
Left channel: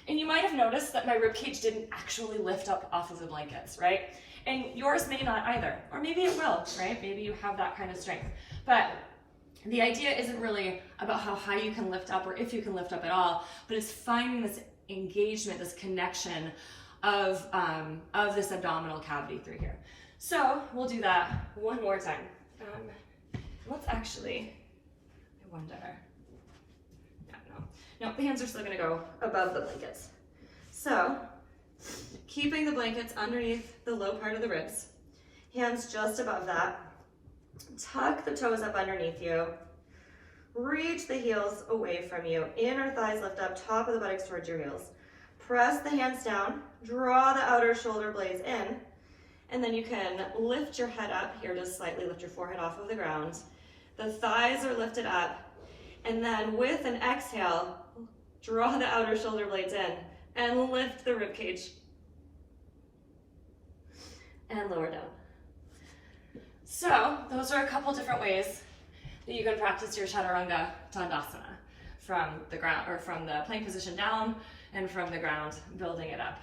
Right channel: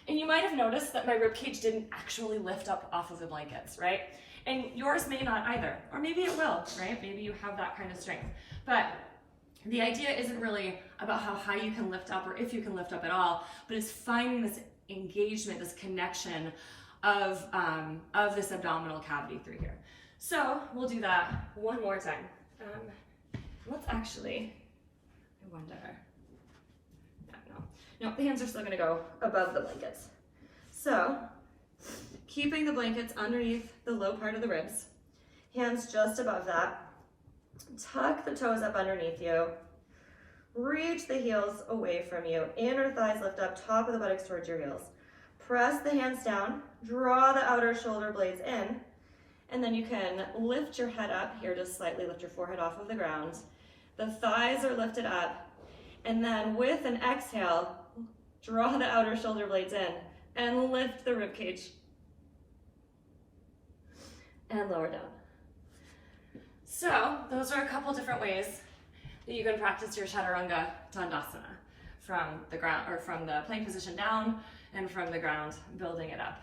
And you might have noticed that my rib cage didn't actually lift up off of the blankets, right? And yours may not either, or maybe it will, right? Maybe you have that kind of strength. But the idea isn't really about how high you can lift up or if you can lift up at all, but it's finding this engagement, this connection of this abdominal cavity through here. So we'll do that one more time. Let's actually, I wonder, no, the hands are still gonna go above the blankets. So keeping the blankets underneath the low part of the ribs, hands just above that, tuck the toes up underneath you, reach the heels away from you, inner thighs lift up, top of the buttocks towards your heels. Press the hands down, draw the outer shoulder blades in, and then you can lift your head up here, just slightly lift your forehead off of the ground. The thighs are lifted up, and then with an exhale, draw the outer shoulder blades in and lift the rib cage. And lower down. So those are a couple different ways that you can practice your Chaturanga Dandasana from the ground, or from the plank position down, and from the ground, building it up.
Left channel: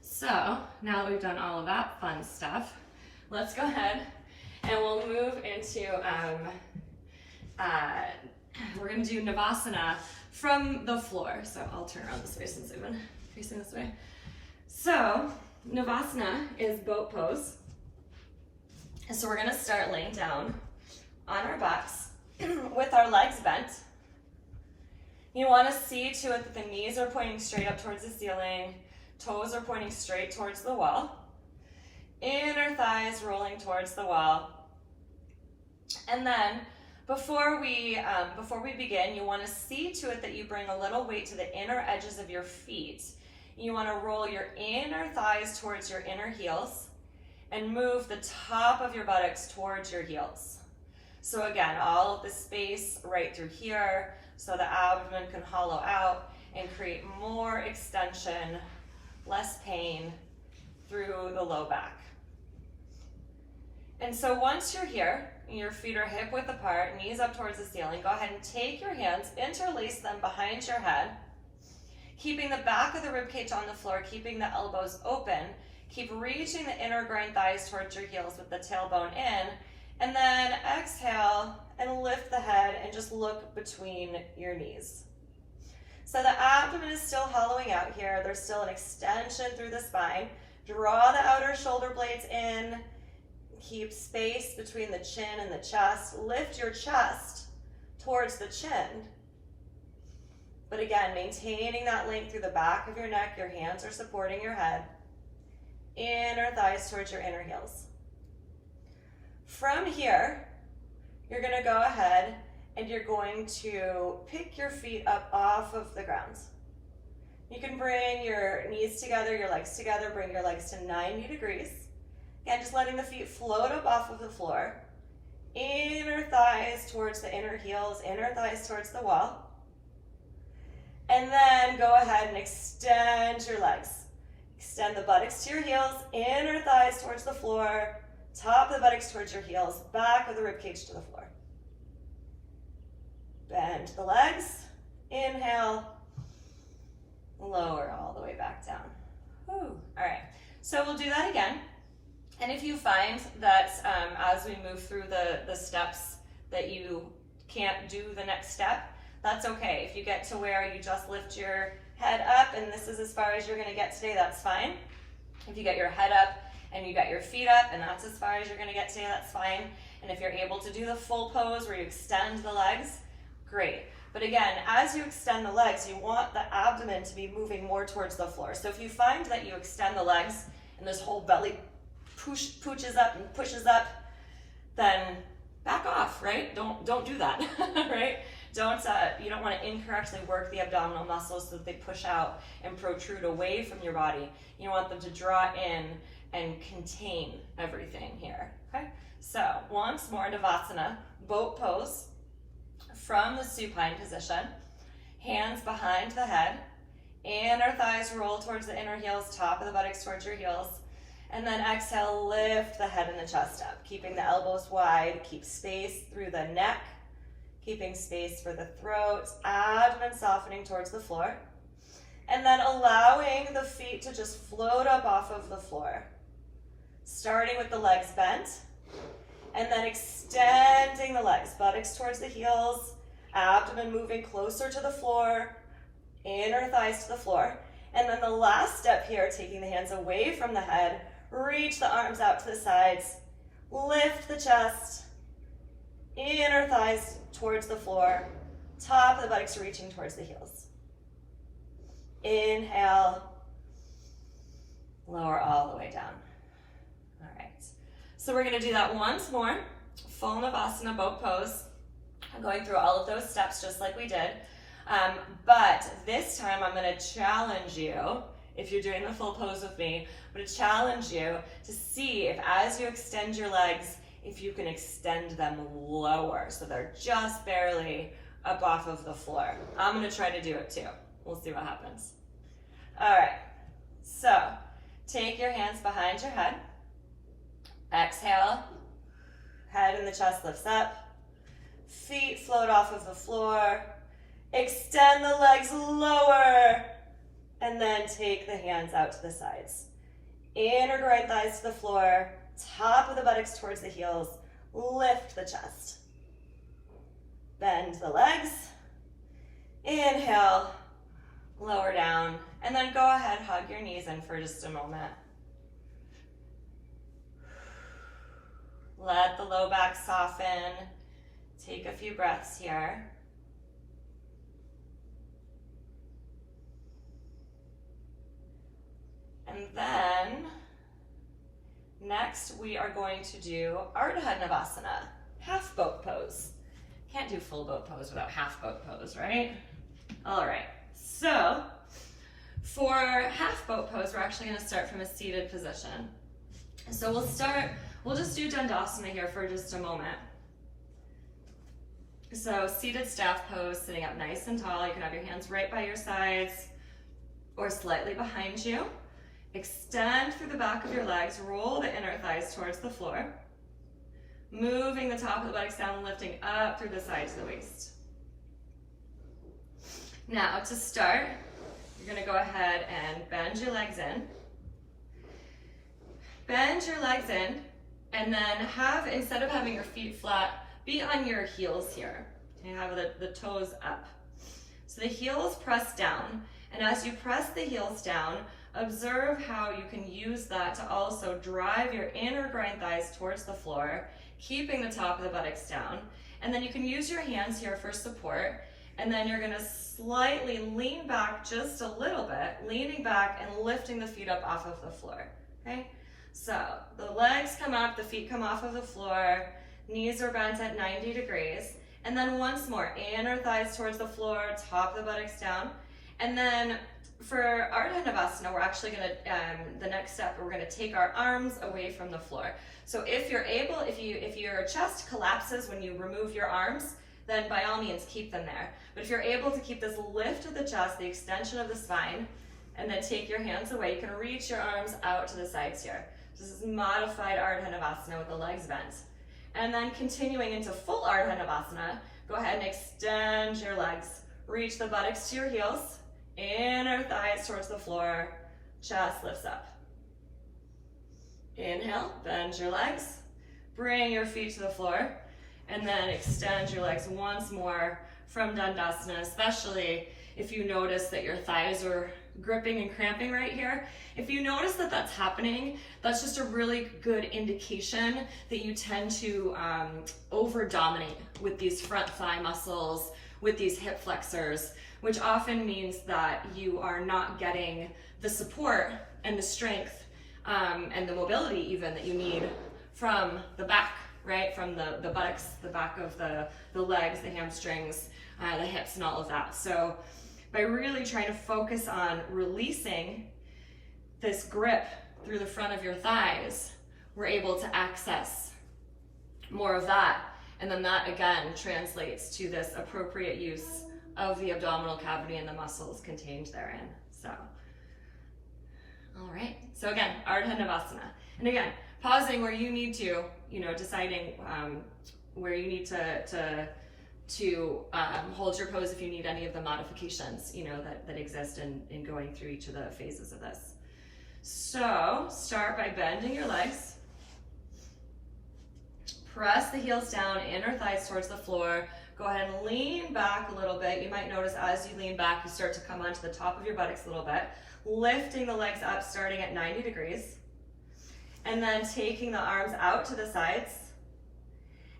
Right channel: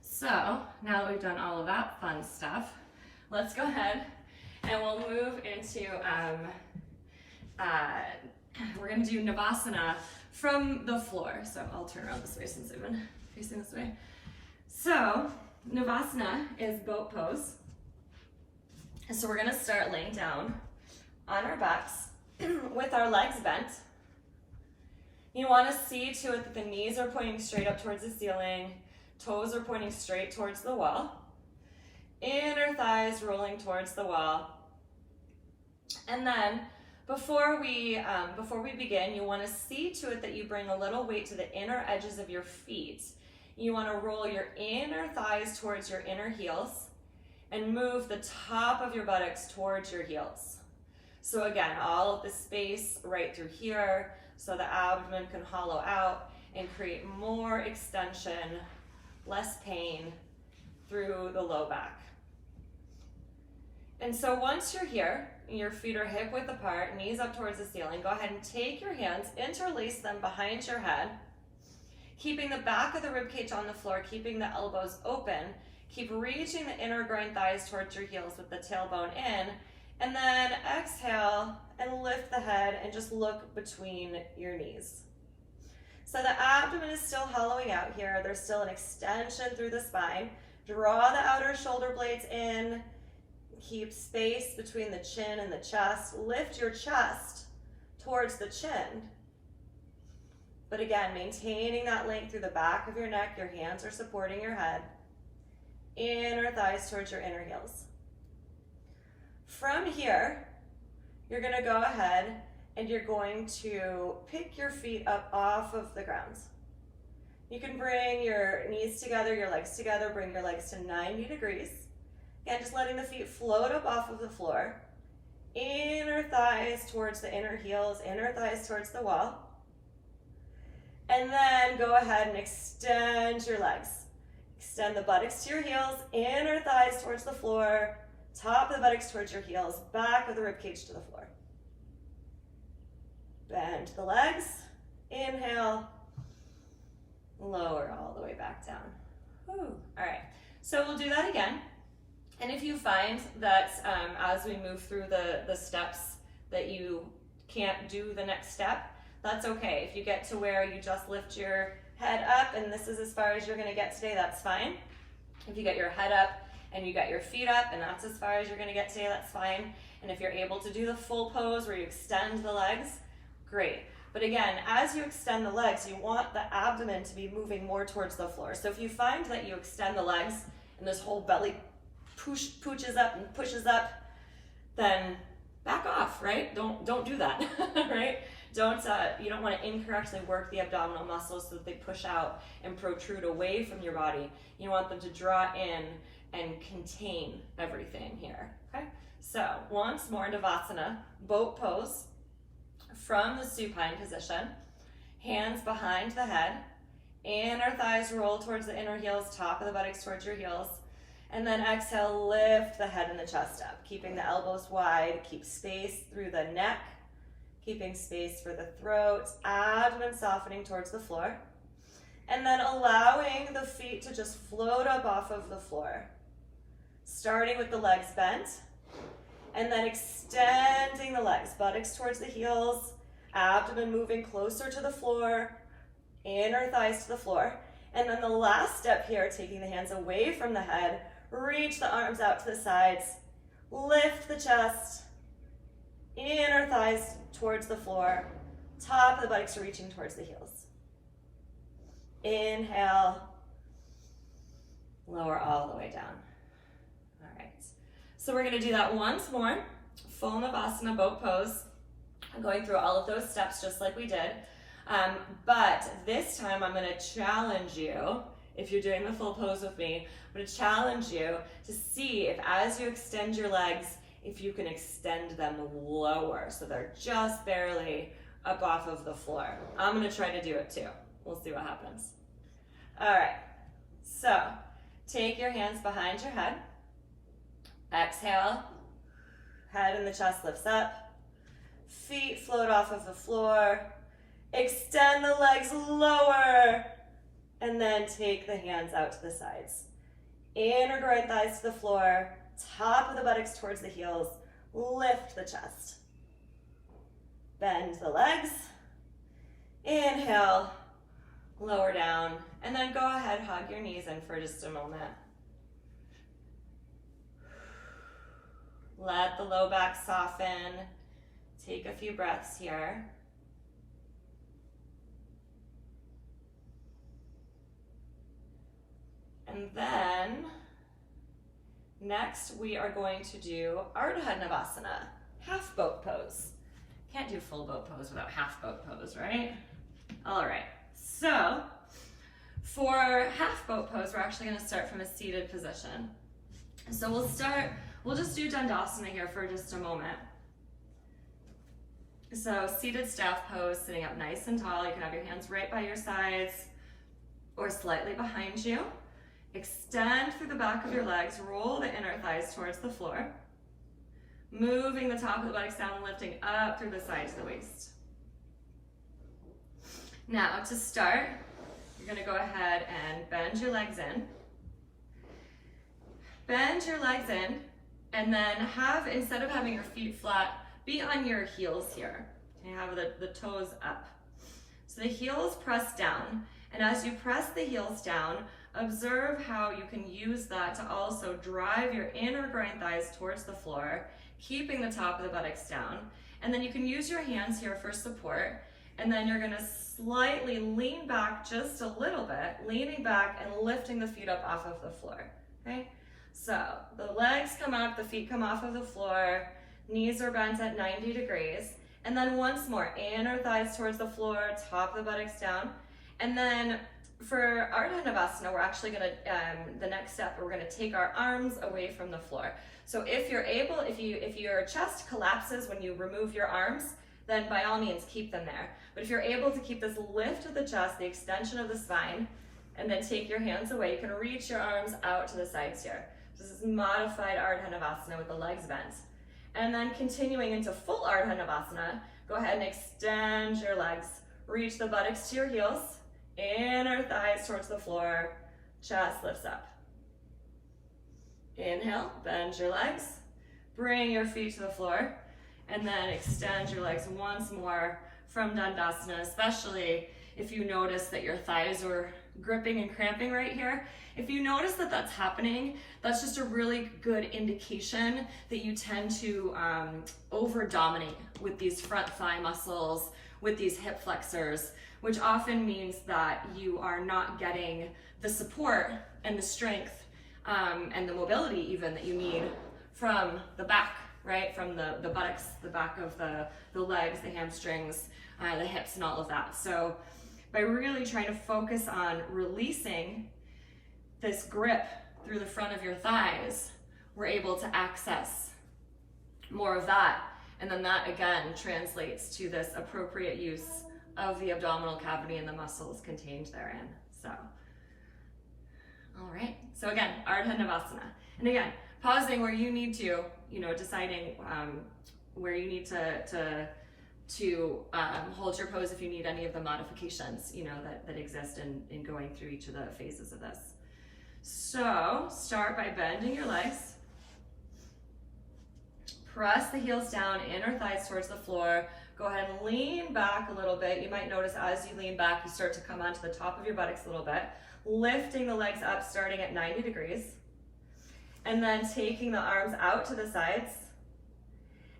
So now that we've done all of that fun stuff, let's go ahead and we'll move into, we're gonna do Navasana from the floor. So I'll turn around this way since I've been facing this way. So Navasana is boat pose. And so we're gonna start laying down on our backs with our legs bent. You wanna see to it that the knees are pointing straight up towards the ceiling, toes are pointing straight towards the wall, inner thighs rolling towards the wall. And then Before we begin, you want to see to it that you bring a little weight to the inner edges of your feet. You want to roll your inner thighs towards your inner heels and move the top of your buttocks towards your heels. So again, all of the space right through here so the abdomen can hollow out and create more extension, less pain through the low back. And so once you're here, your feet are hip width apart, knees up towards the ceiling, go ahead and take your hands, interlace them behind your head, keeping the back of the rib cage on the floor, keeping the elbows open. Keep reaching the inner groin thighs towards your heels with the tailbone in, and then exhale and lift the head and just look between your knees. So the abdomen is still hollowing out here. There's still an extension through the spine. Draw the outer shoulder blades in. Keep space between the chin and the chest. Lift your chest towards the chin. But again, maintaining that length through the back of your neck. Your hands are supporting your head. Inner thighs towards your inner heels. From here, you're going to go ahead and you're going to pick your feet up off of the ground. You can bring your knees together, your legs together, bring your legs to 90 degrees. Again, just letting the feet float up off of the floor. Inner thighs towards the inner heels, inner thighs towards the wall. And then go ahead and extend your legs. Extend the buttocks to your heels, inner thighs towards the floor, top of the buttocks towards your heels, back of the ribcage to the floor. Bend the legs, inhale, lower all the way back down. Whew. All right, so we'll do that again. And if you find that as we move through the steps that you can't do the next step, that's okay. If you get to where you just lift your head up and this is as far as you're going to get today, that's fine. If you get your head up and you got your feet up and that's as far as you're going to get today, that's fine. And if you're able to do the full pose where you extend the legs, great. But again, as you extend the legs, you want the abdomen to be moving more towards the floor. So if you find that you extend the legs and this whole belly pooches up and pushes up, then back off, right? Don't do that, right? You don't want to incorrectly work the abdominal muscles so that they push out and protrude away from your body. You want them to draw in and contain everything here, okay? So once more, Navasana, boat pose from the supine position, hands behind the head, inner thighs roll towards the inner heels, top of the buttocks towards your heels, and then exhale, lift the head and the chest up, keeping the elbows wide, keep space through the neck, keeping space for the throat, abdomen softening towards the floor, and then allowing the feet to just float up off of the floor. Starting with the legs bent, and then extending the legs, buttocks towards the heels, abdomen moving closer to the floor, inner thighs to the floor. And then the last step here, taking the hands away from the head, reach the arms out to the sides, lift the chest, inner thighs towards the floor, top of the buttocks reaching towards the heels. Inhale, lower all the way down. All right, so we're gonna do that once more, full Navasana boat pose. I'm going through all of those steps just like we did, but this time I'm gonna challenge you, if you're doing the full pose with me, I'm gonna challenge you to see if as you extend your legs, if you can extend them lower so they're just barely up off of the floor. I'm gonna try to do it too. We'll see what happens. All right, so take your hands behind your head. Exhale, head and the chest lifts up. Feet float off of the floor. Extend the legs lower. And then take the hands out to the sides. Inner groin thighs to the floor. Top of the buttocks towards the heels. Lift the chest. Bend the legs. Inhale. Lower down. And then go ahead, hug your knees in for just a moment. Let the low back soften. Take a few breaths here. And then, next we are going to do Ardha Navasana, half boat pose. Can't do full boat pose without half boat pose, right? All right, so for half boat pose, we're actually going to start from a seated position. So we'll just do Dandasana here for just a moment. So seated staff pose, sitting up nice and tall. You can have your hands right by your sides or slightly behind you. Extend through the back of your legs, roll the inner thighs towards the floor. Moving the top of the buttocks down and lifting up through the sides of the waist. Now to start, you're going to go ahead and bend your legs in. Bend your legs in, and then instead of having your feet flat, be on your heels here. You have the toes up. So the heels press down, and as you press the heels down, observe how you can use that to also drive your inner groin thighs towards the floor, keeping the top of the buttocks down. And then you can use your hands here for support, and then you're going to slightly lean back just a little bit, leaning back and lifting the feet up off of the floor, okay? So the legs come up, the feet come off of the floor, knees are bent at 90 degrees, and then once more, inner thighs towards the floor, top of the buttocks down. And then for Ardha Navasana, we're actually gonna, the next step, we're gonna take our arms away from the floor. So if you're able, if your chest collapses when you remove your arms, then by all means keep them there. But if you're able to keep this lift of the chest, the extension of the spine, and then take your hands away, you can reach your arms out to the sides here. This is modified Ardha Navasana with the legs bent. And then continuing into full Ardha Navasana, go ahead and extend your legs. Reach the buttocks to your heels, inner thighs towards the floor, chest lifts up. Inhale, bend your legs, bring your feet to the floor, and then extend your legs once more from Dandasana, especially if you notice that your thighs are gripping and cramping right here. If you notice that that's happening, that's just a really good indication that you tend to over-dominate with these front thigh muscles, with these hip flexors, which often means that you are not getting the support and the strength and the mobility even that you need from the back, right? From the buttocks, the back of the legs, the hamstrings, the hips, and all of that. So by really trying to focus on releasing this grip through the front of your thighs, we're able to access more of that. And then that again translates to this appropriate use of the abdominal cavity and the muscles contained therein. So, all right. So again, Ardha Navasana. And again, pausing where you need to, deciding where you need to hold your pose if you need any of the modifications, that exist in going through each of the phases of this. So start by bending your legs. Press the heels down, inner thighs towards the floor. Go ahead and lean back a little bit. You might notice as you lean back, you start to come onto the top of your buttocks a little bit. Lifting the legs up, starting at 90 degrees. And then taking the arms out to the sides.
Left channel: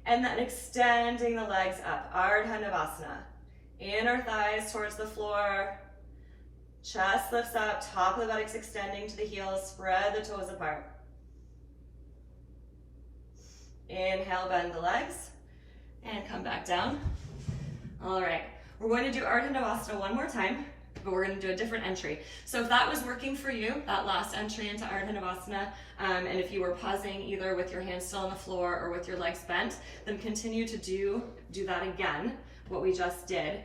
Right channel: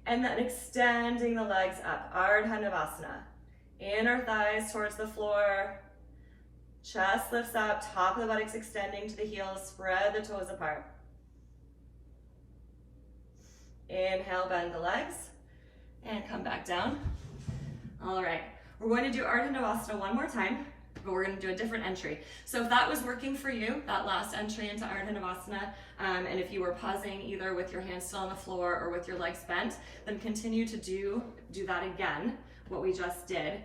And then extending the legs up, Ardha Navasana. Inner thighs towards the floor. Chest lifts up, top of the buttocks extending to the heels, spread the toes apart. Inhale, bend the legs, and come back down. All right, we're going to do Ardha Navasana one more time, but we're going to do a different entry. So if that was working for you, that last entry into Ardha Navasana, and if you were pausing either with your hands still on the floor or with your legs bent, then continue to do that again, what we just did.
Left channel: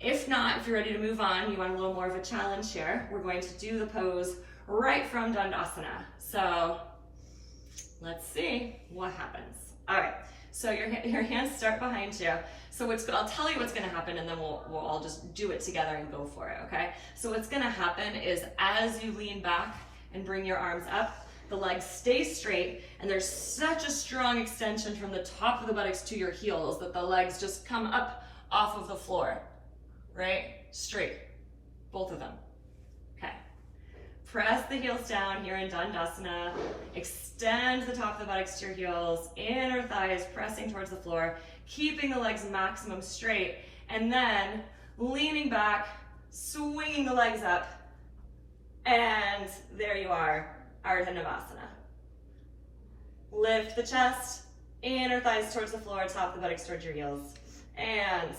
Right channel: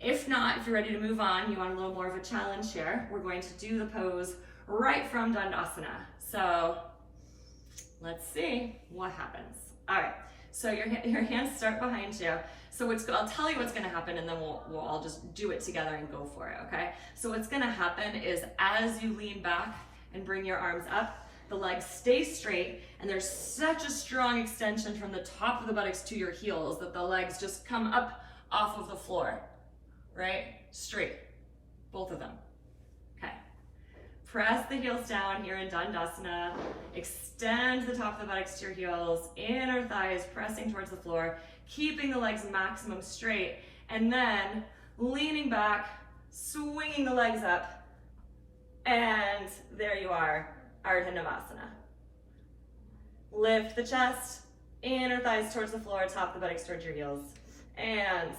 If not, if you're ready to move on, you want a little more of a challenge here, we're going to do the pose right from Dandasana. So let's see what happens. All right, so your hands start behind you. So I'll tell you what's gonna happen and then we'll all just do it together and go for it, okay? So what's gonna happen is as you lean back and bring your arms up, the legs stay straight, and there's such a strong extension from the top of the buttocks to your heels that the legs just come up off of the floor, right? Straight, both of them, okay. Press the heels down here in Dandasana, extend the top of the buttocks to your heels, inner thighs pressing towards the floor, keeping the legs maximum straight, and then leaning back, swinging the legs up, and there you are, Ardha Navasana. Lift the chest, inner thighs towards the floor, top of the buttocks towards your heels. and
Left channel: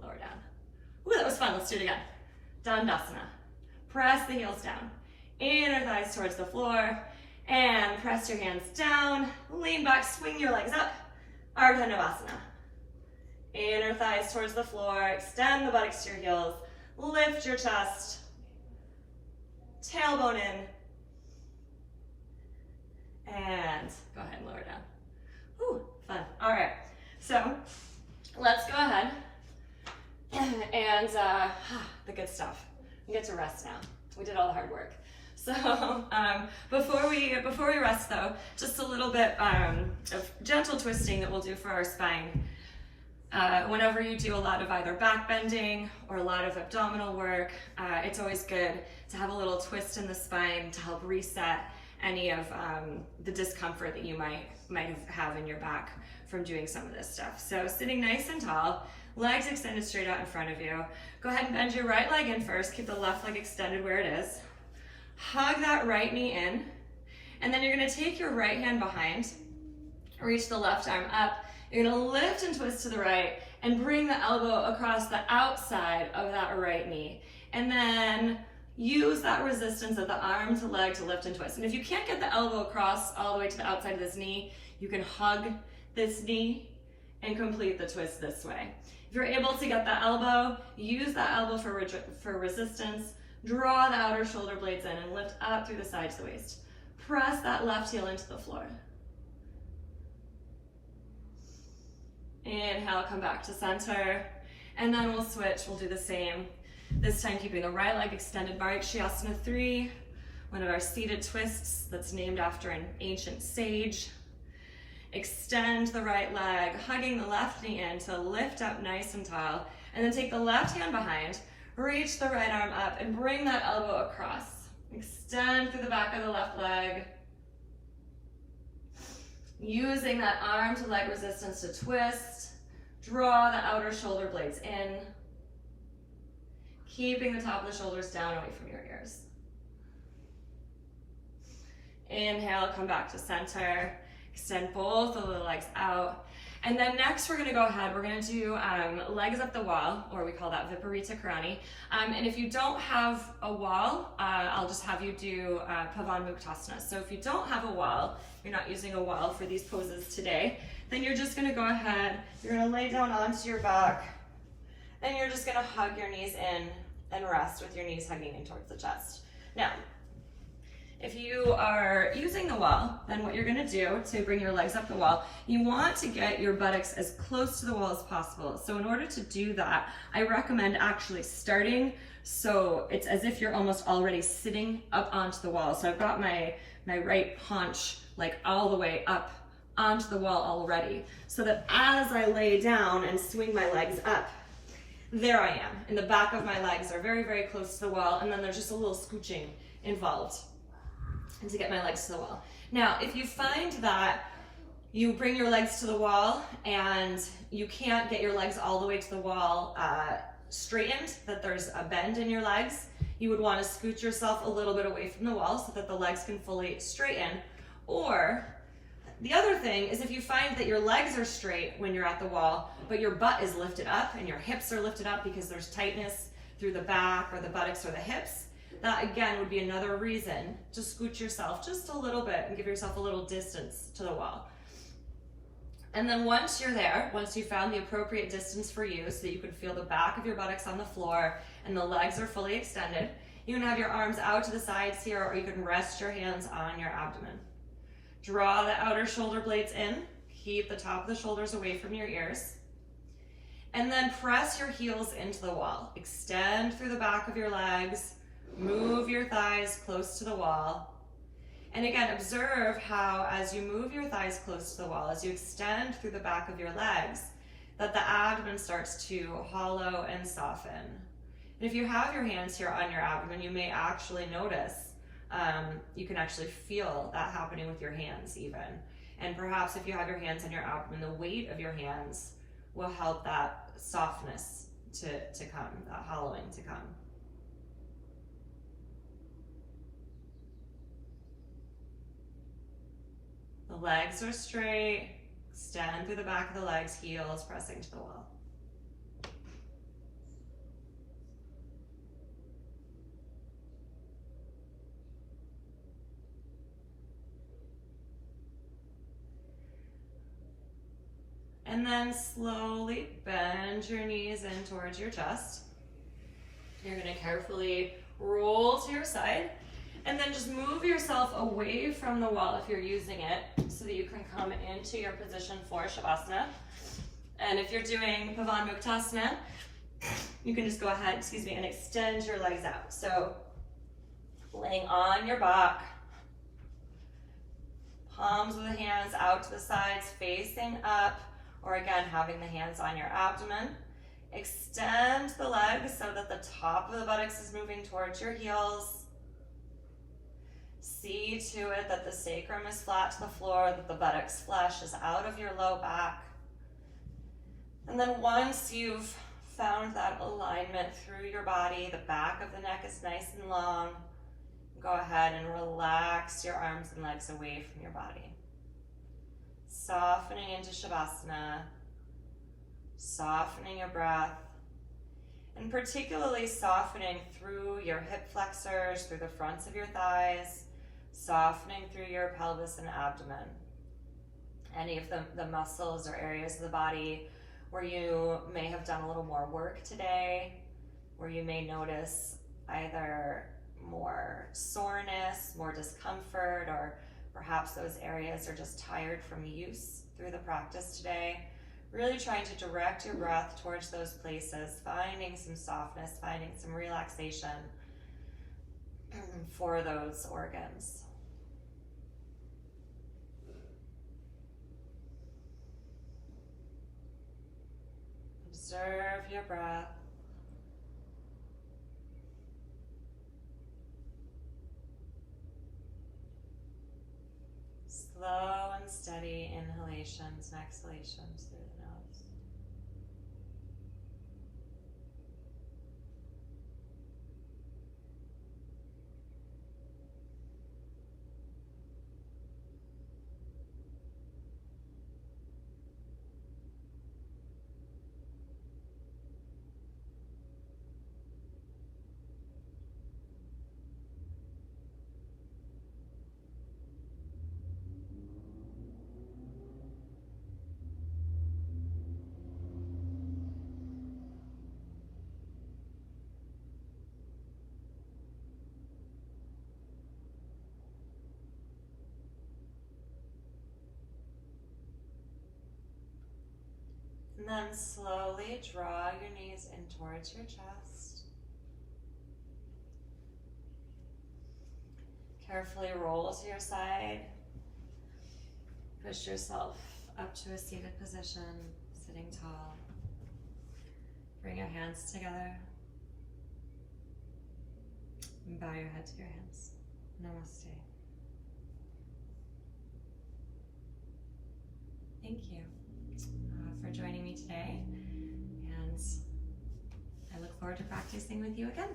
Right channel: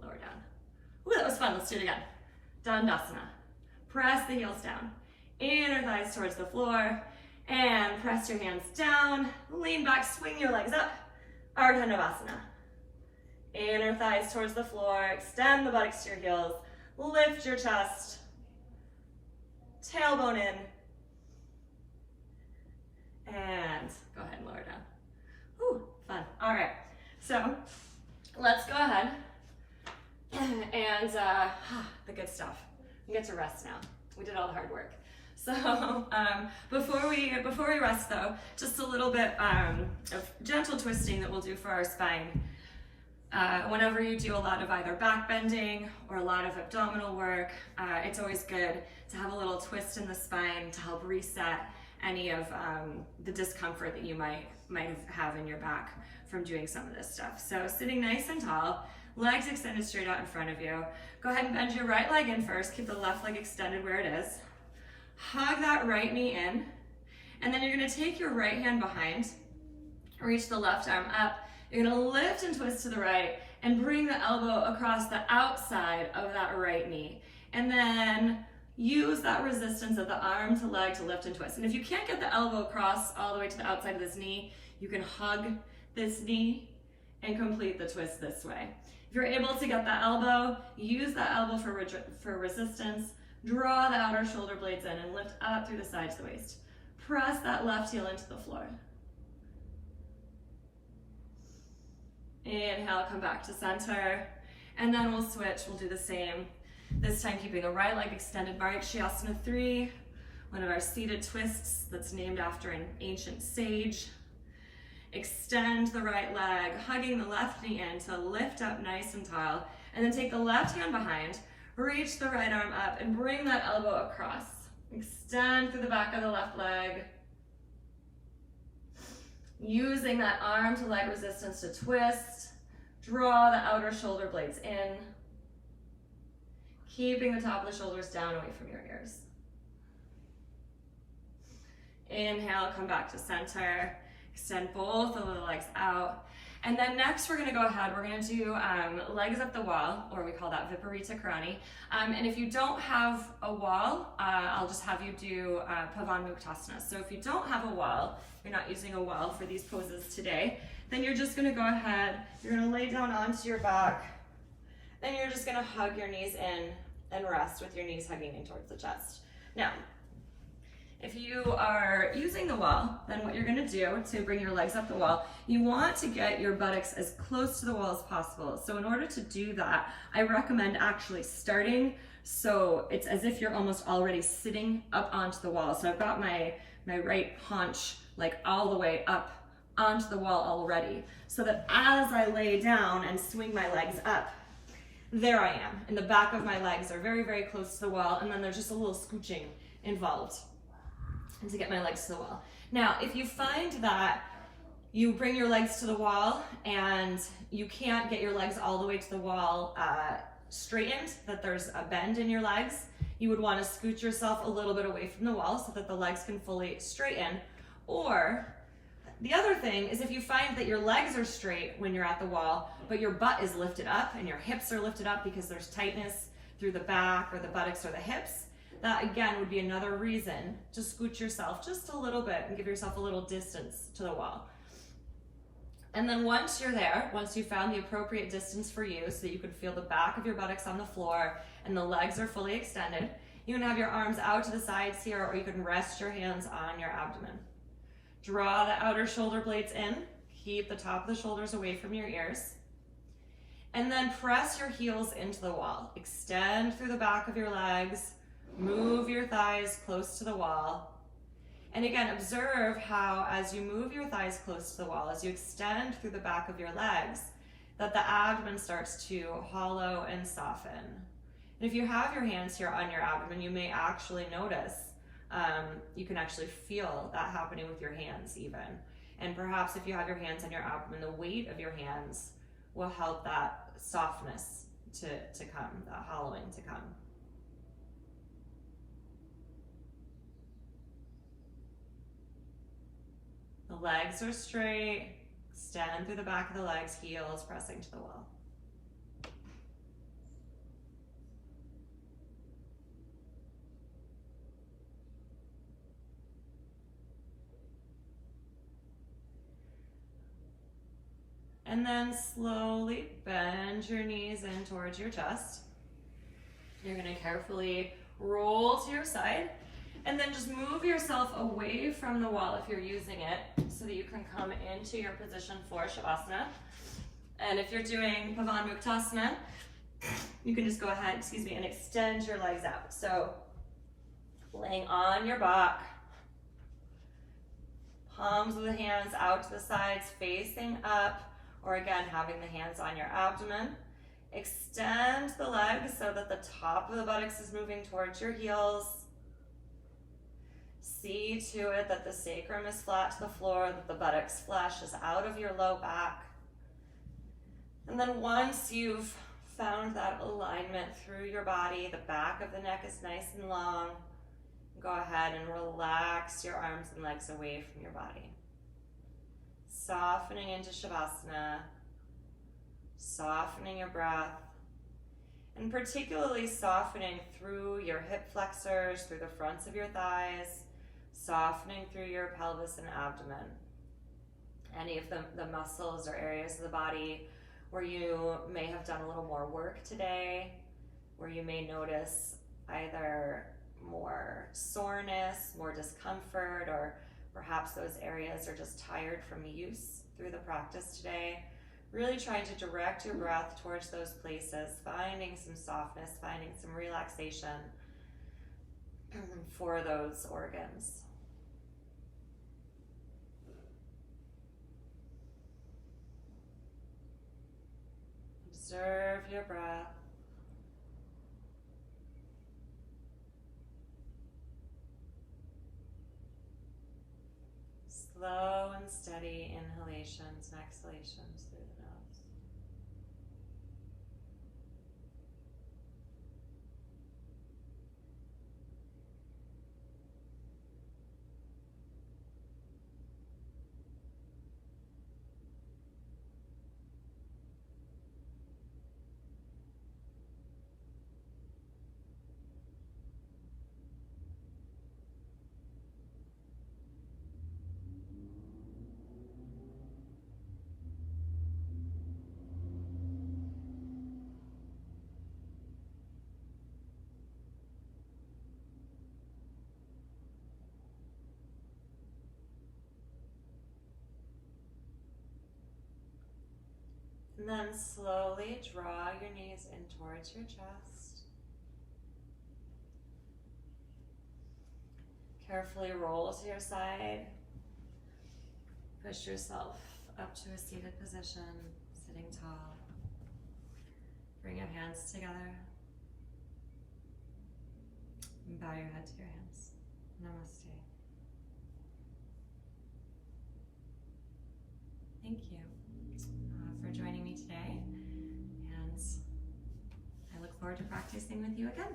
lower down. Ooh, that was fun. Let's do it again. Dandasana. Press the heels down. Inner thighs towards the floor. And press your hands down. Lean back, swing your legs up. Ardha Navasana. Inner thighs towards the floor. Extend the buttocks to your heels. Lift your chest. Tailbone in. And go ahead and lower down. Ooh, fun. All right. So let's go ahead and the good stuff. We get to rest now. We did all the hard work. So before we rest though, just a little bit of gentle twisting that we'll do for our spine. Whenever you do a lot of either back bending or a lot of abdominal work, it's always good to have a little twist in the spine to help reset any of the discomfort that you might have in your back from doing some of this stuff. So sitting nice and tall, legs extended straight out in front of you. Go ahead and bend your right leg in first. Keep the left leg extended where it is. Hug that right knee in. And then you're gonna take your right hand behind, reach the left arm up. You're gonna lift and twist to the right and bring the elbow across the outside of that right knee. And then use that resistance of the arm to leg to lift and twist. And if you can't get the elbow across all the way to the outside of this knee, you can hug this knee and complete the twist this way. If you're able to get the elbow, use that elbow for resistance. Draw the outer shoulder blades in and lift up through the sides of the waist. Press that left heel into the floor. Inhale, come back to center. And then we'll switch, we'll do the same. This time keeping the right leg extended, Maricyasana III, one of our seated twists that's named after an ancient sage. Extend the right leg, hugging the left knee in to lift up nice and tall. And then take the left hand behind, reach the right arm up and bring that elbow across. Extend through the back of the left leg. Using that arm to leg resistance to twist. Draw the outer shoulder blades in. Keeping the top of the shoulders down away from your ears. Inhale, come back to center. Extend both of the legs out. And then next we're gonna go ahead, we're gonna do legs up the wall, or we call that Viparita Karani. And if you don't have a wall, I'll just have you do Pavan Mukhtasana. So if you don't have a wall, you're not using a wall for these poses today, then you're just gonna go ahead, you're gonna lay down onto your back, and you're just gonna hug your knees in and rest with your knees hugging in towards the chest. Now, if you are using the wall, then what you're gonna do to bring your legs up the wall, you want to get your buttocks as close to the wall as possible. So in order to do that, I recommend actually starting so it's as if you're almost already sitting up onto the wall. So I've got my right haunch like all the way up onto the wall already, so that as I lay down and swing my legs up, there I am. And the back of my legs are very, very close to the wall, and then there's just a little scooching involved and to get my legs to the wall. Now, if you find that you bring your legs to the wall and you can't get your legs all the way to the wall straightened, that there's a bend in your legs, you would want to scoot yourself a little bit away from the wall so that the legs can fully straighten. Or the other thing is if you find that your legs are straight when you're at the wall, but your butt is lifted up and your hips are lifted up because there's tightness through the back or the buttocks or the hips, that again would be another reason to scoot yourself just a little bit and give yourself a little distance to the wall. And then once you're there, once you found the appropriate distance for you so that you can feel the back of your buttocks on the floor and the legs are fully extended, you can have your arms out to the sides here, or you can rest your hands on your abdomen. Draw the outer shoulder blades in, keep the top of the shoulders away from your ears, and then press your heels into the wall. Extend through the back of your legs, move your thighs close to the wall. And again, observe how as you move your thighs close to the wall, as you extend through the back of your legs, that the abdomen starts to hollow and soften. And if you have your hands here on your abdomen, you may actually notice, you can actually feel that happening with your hands even. And perhaps if you have your hands on your abdomen, the weight of your hands will help that softness to come, that hollowing to come. The legs are straight, extend through the back of the legs, heels pressing to the wall. And then slowly bend your knees in towards your chest. You're gonna carefully roll to your side, and then just move yourself away from the wall if you're using it, so that you can come into your position for Shavasana. And if you're doing Pavan Mukhtasana, you can just go ahead, and extend your legs out. So laying on your back, palms of the hands out to the sides, facing up, or again, having the hands on your abdomen. Extend the legs so that the top of the buttocks is moving towards your heels. See to it that the sacrum is flat to the floor, that the buttocks flesh is out of your low back. And then once you've found that alignment through your body, the back of the neck is nice and long, go ahead and relax your arms and legs away from your body. Softening into Shavasana, softening your breath, and particularly softening through your hip flexors, through the fronts of your thighs, softening through your pelvis and abdomen. Any of the muscles or areas of the body where you may have done a little more work today, where you may notice either more soreness, more discomfort, or perhaps those areas are just tired from use through the practice today. Really trying to direct your breath towards those places, finding some softness, finding some relaxation for those organs. Observe your breath. Slow and steady inhalations and exhalations through the nose. And then slowly draw your knees in towards your chest. Carefully roll to your side. Push yourself up to a seated position, sitting tall. Bring your hands together. And bow your head to your hands. Namaste. Thank you for joining me today, and I look forward to practicing with you again.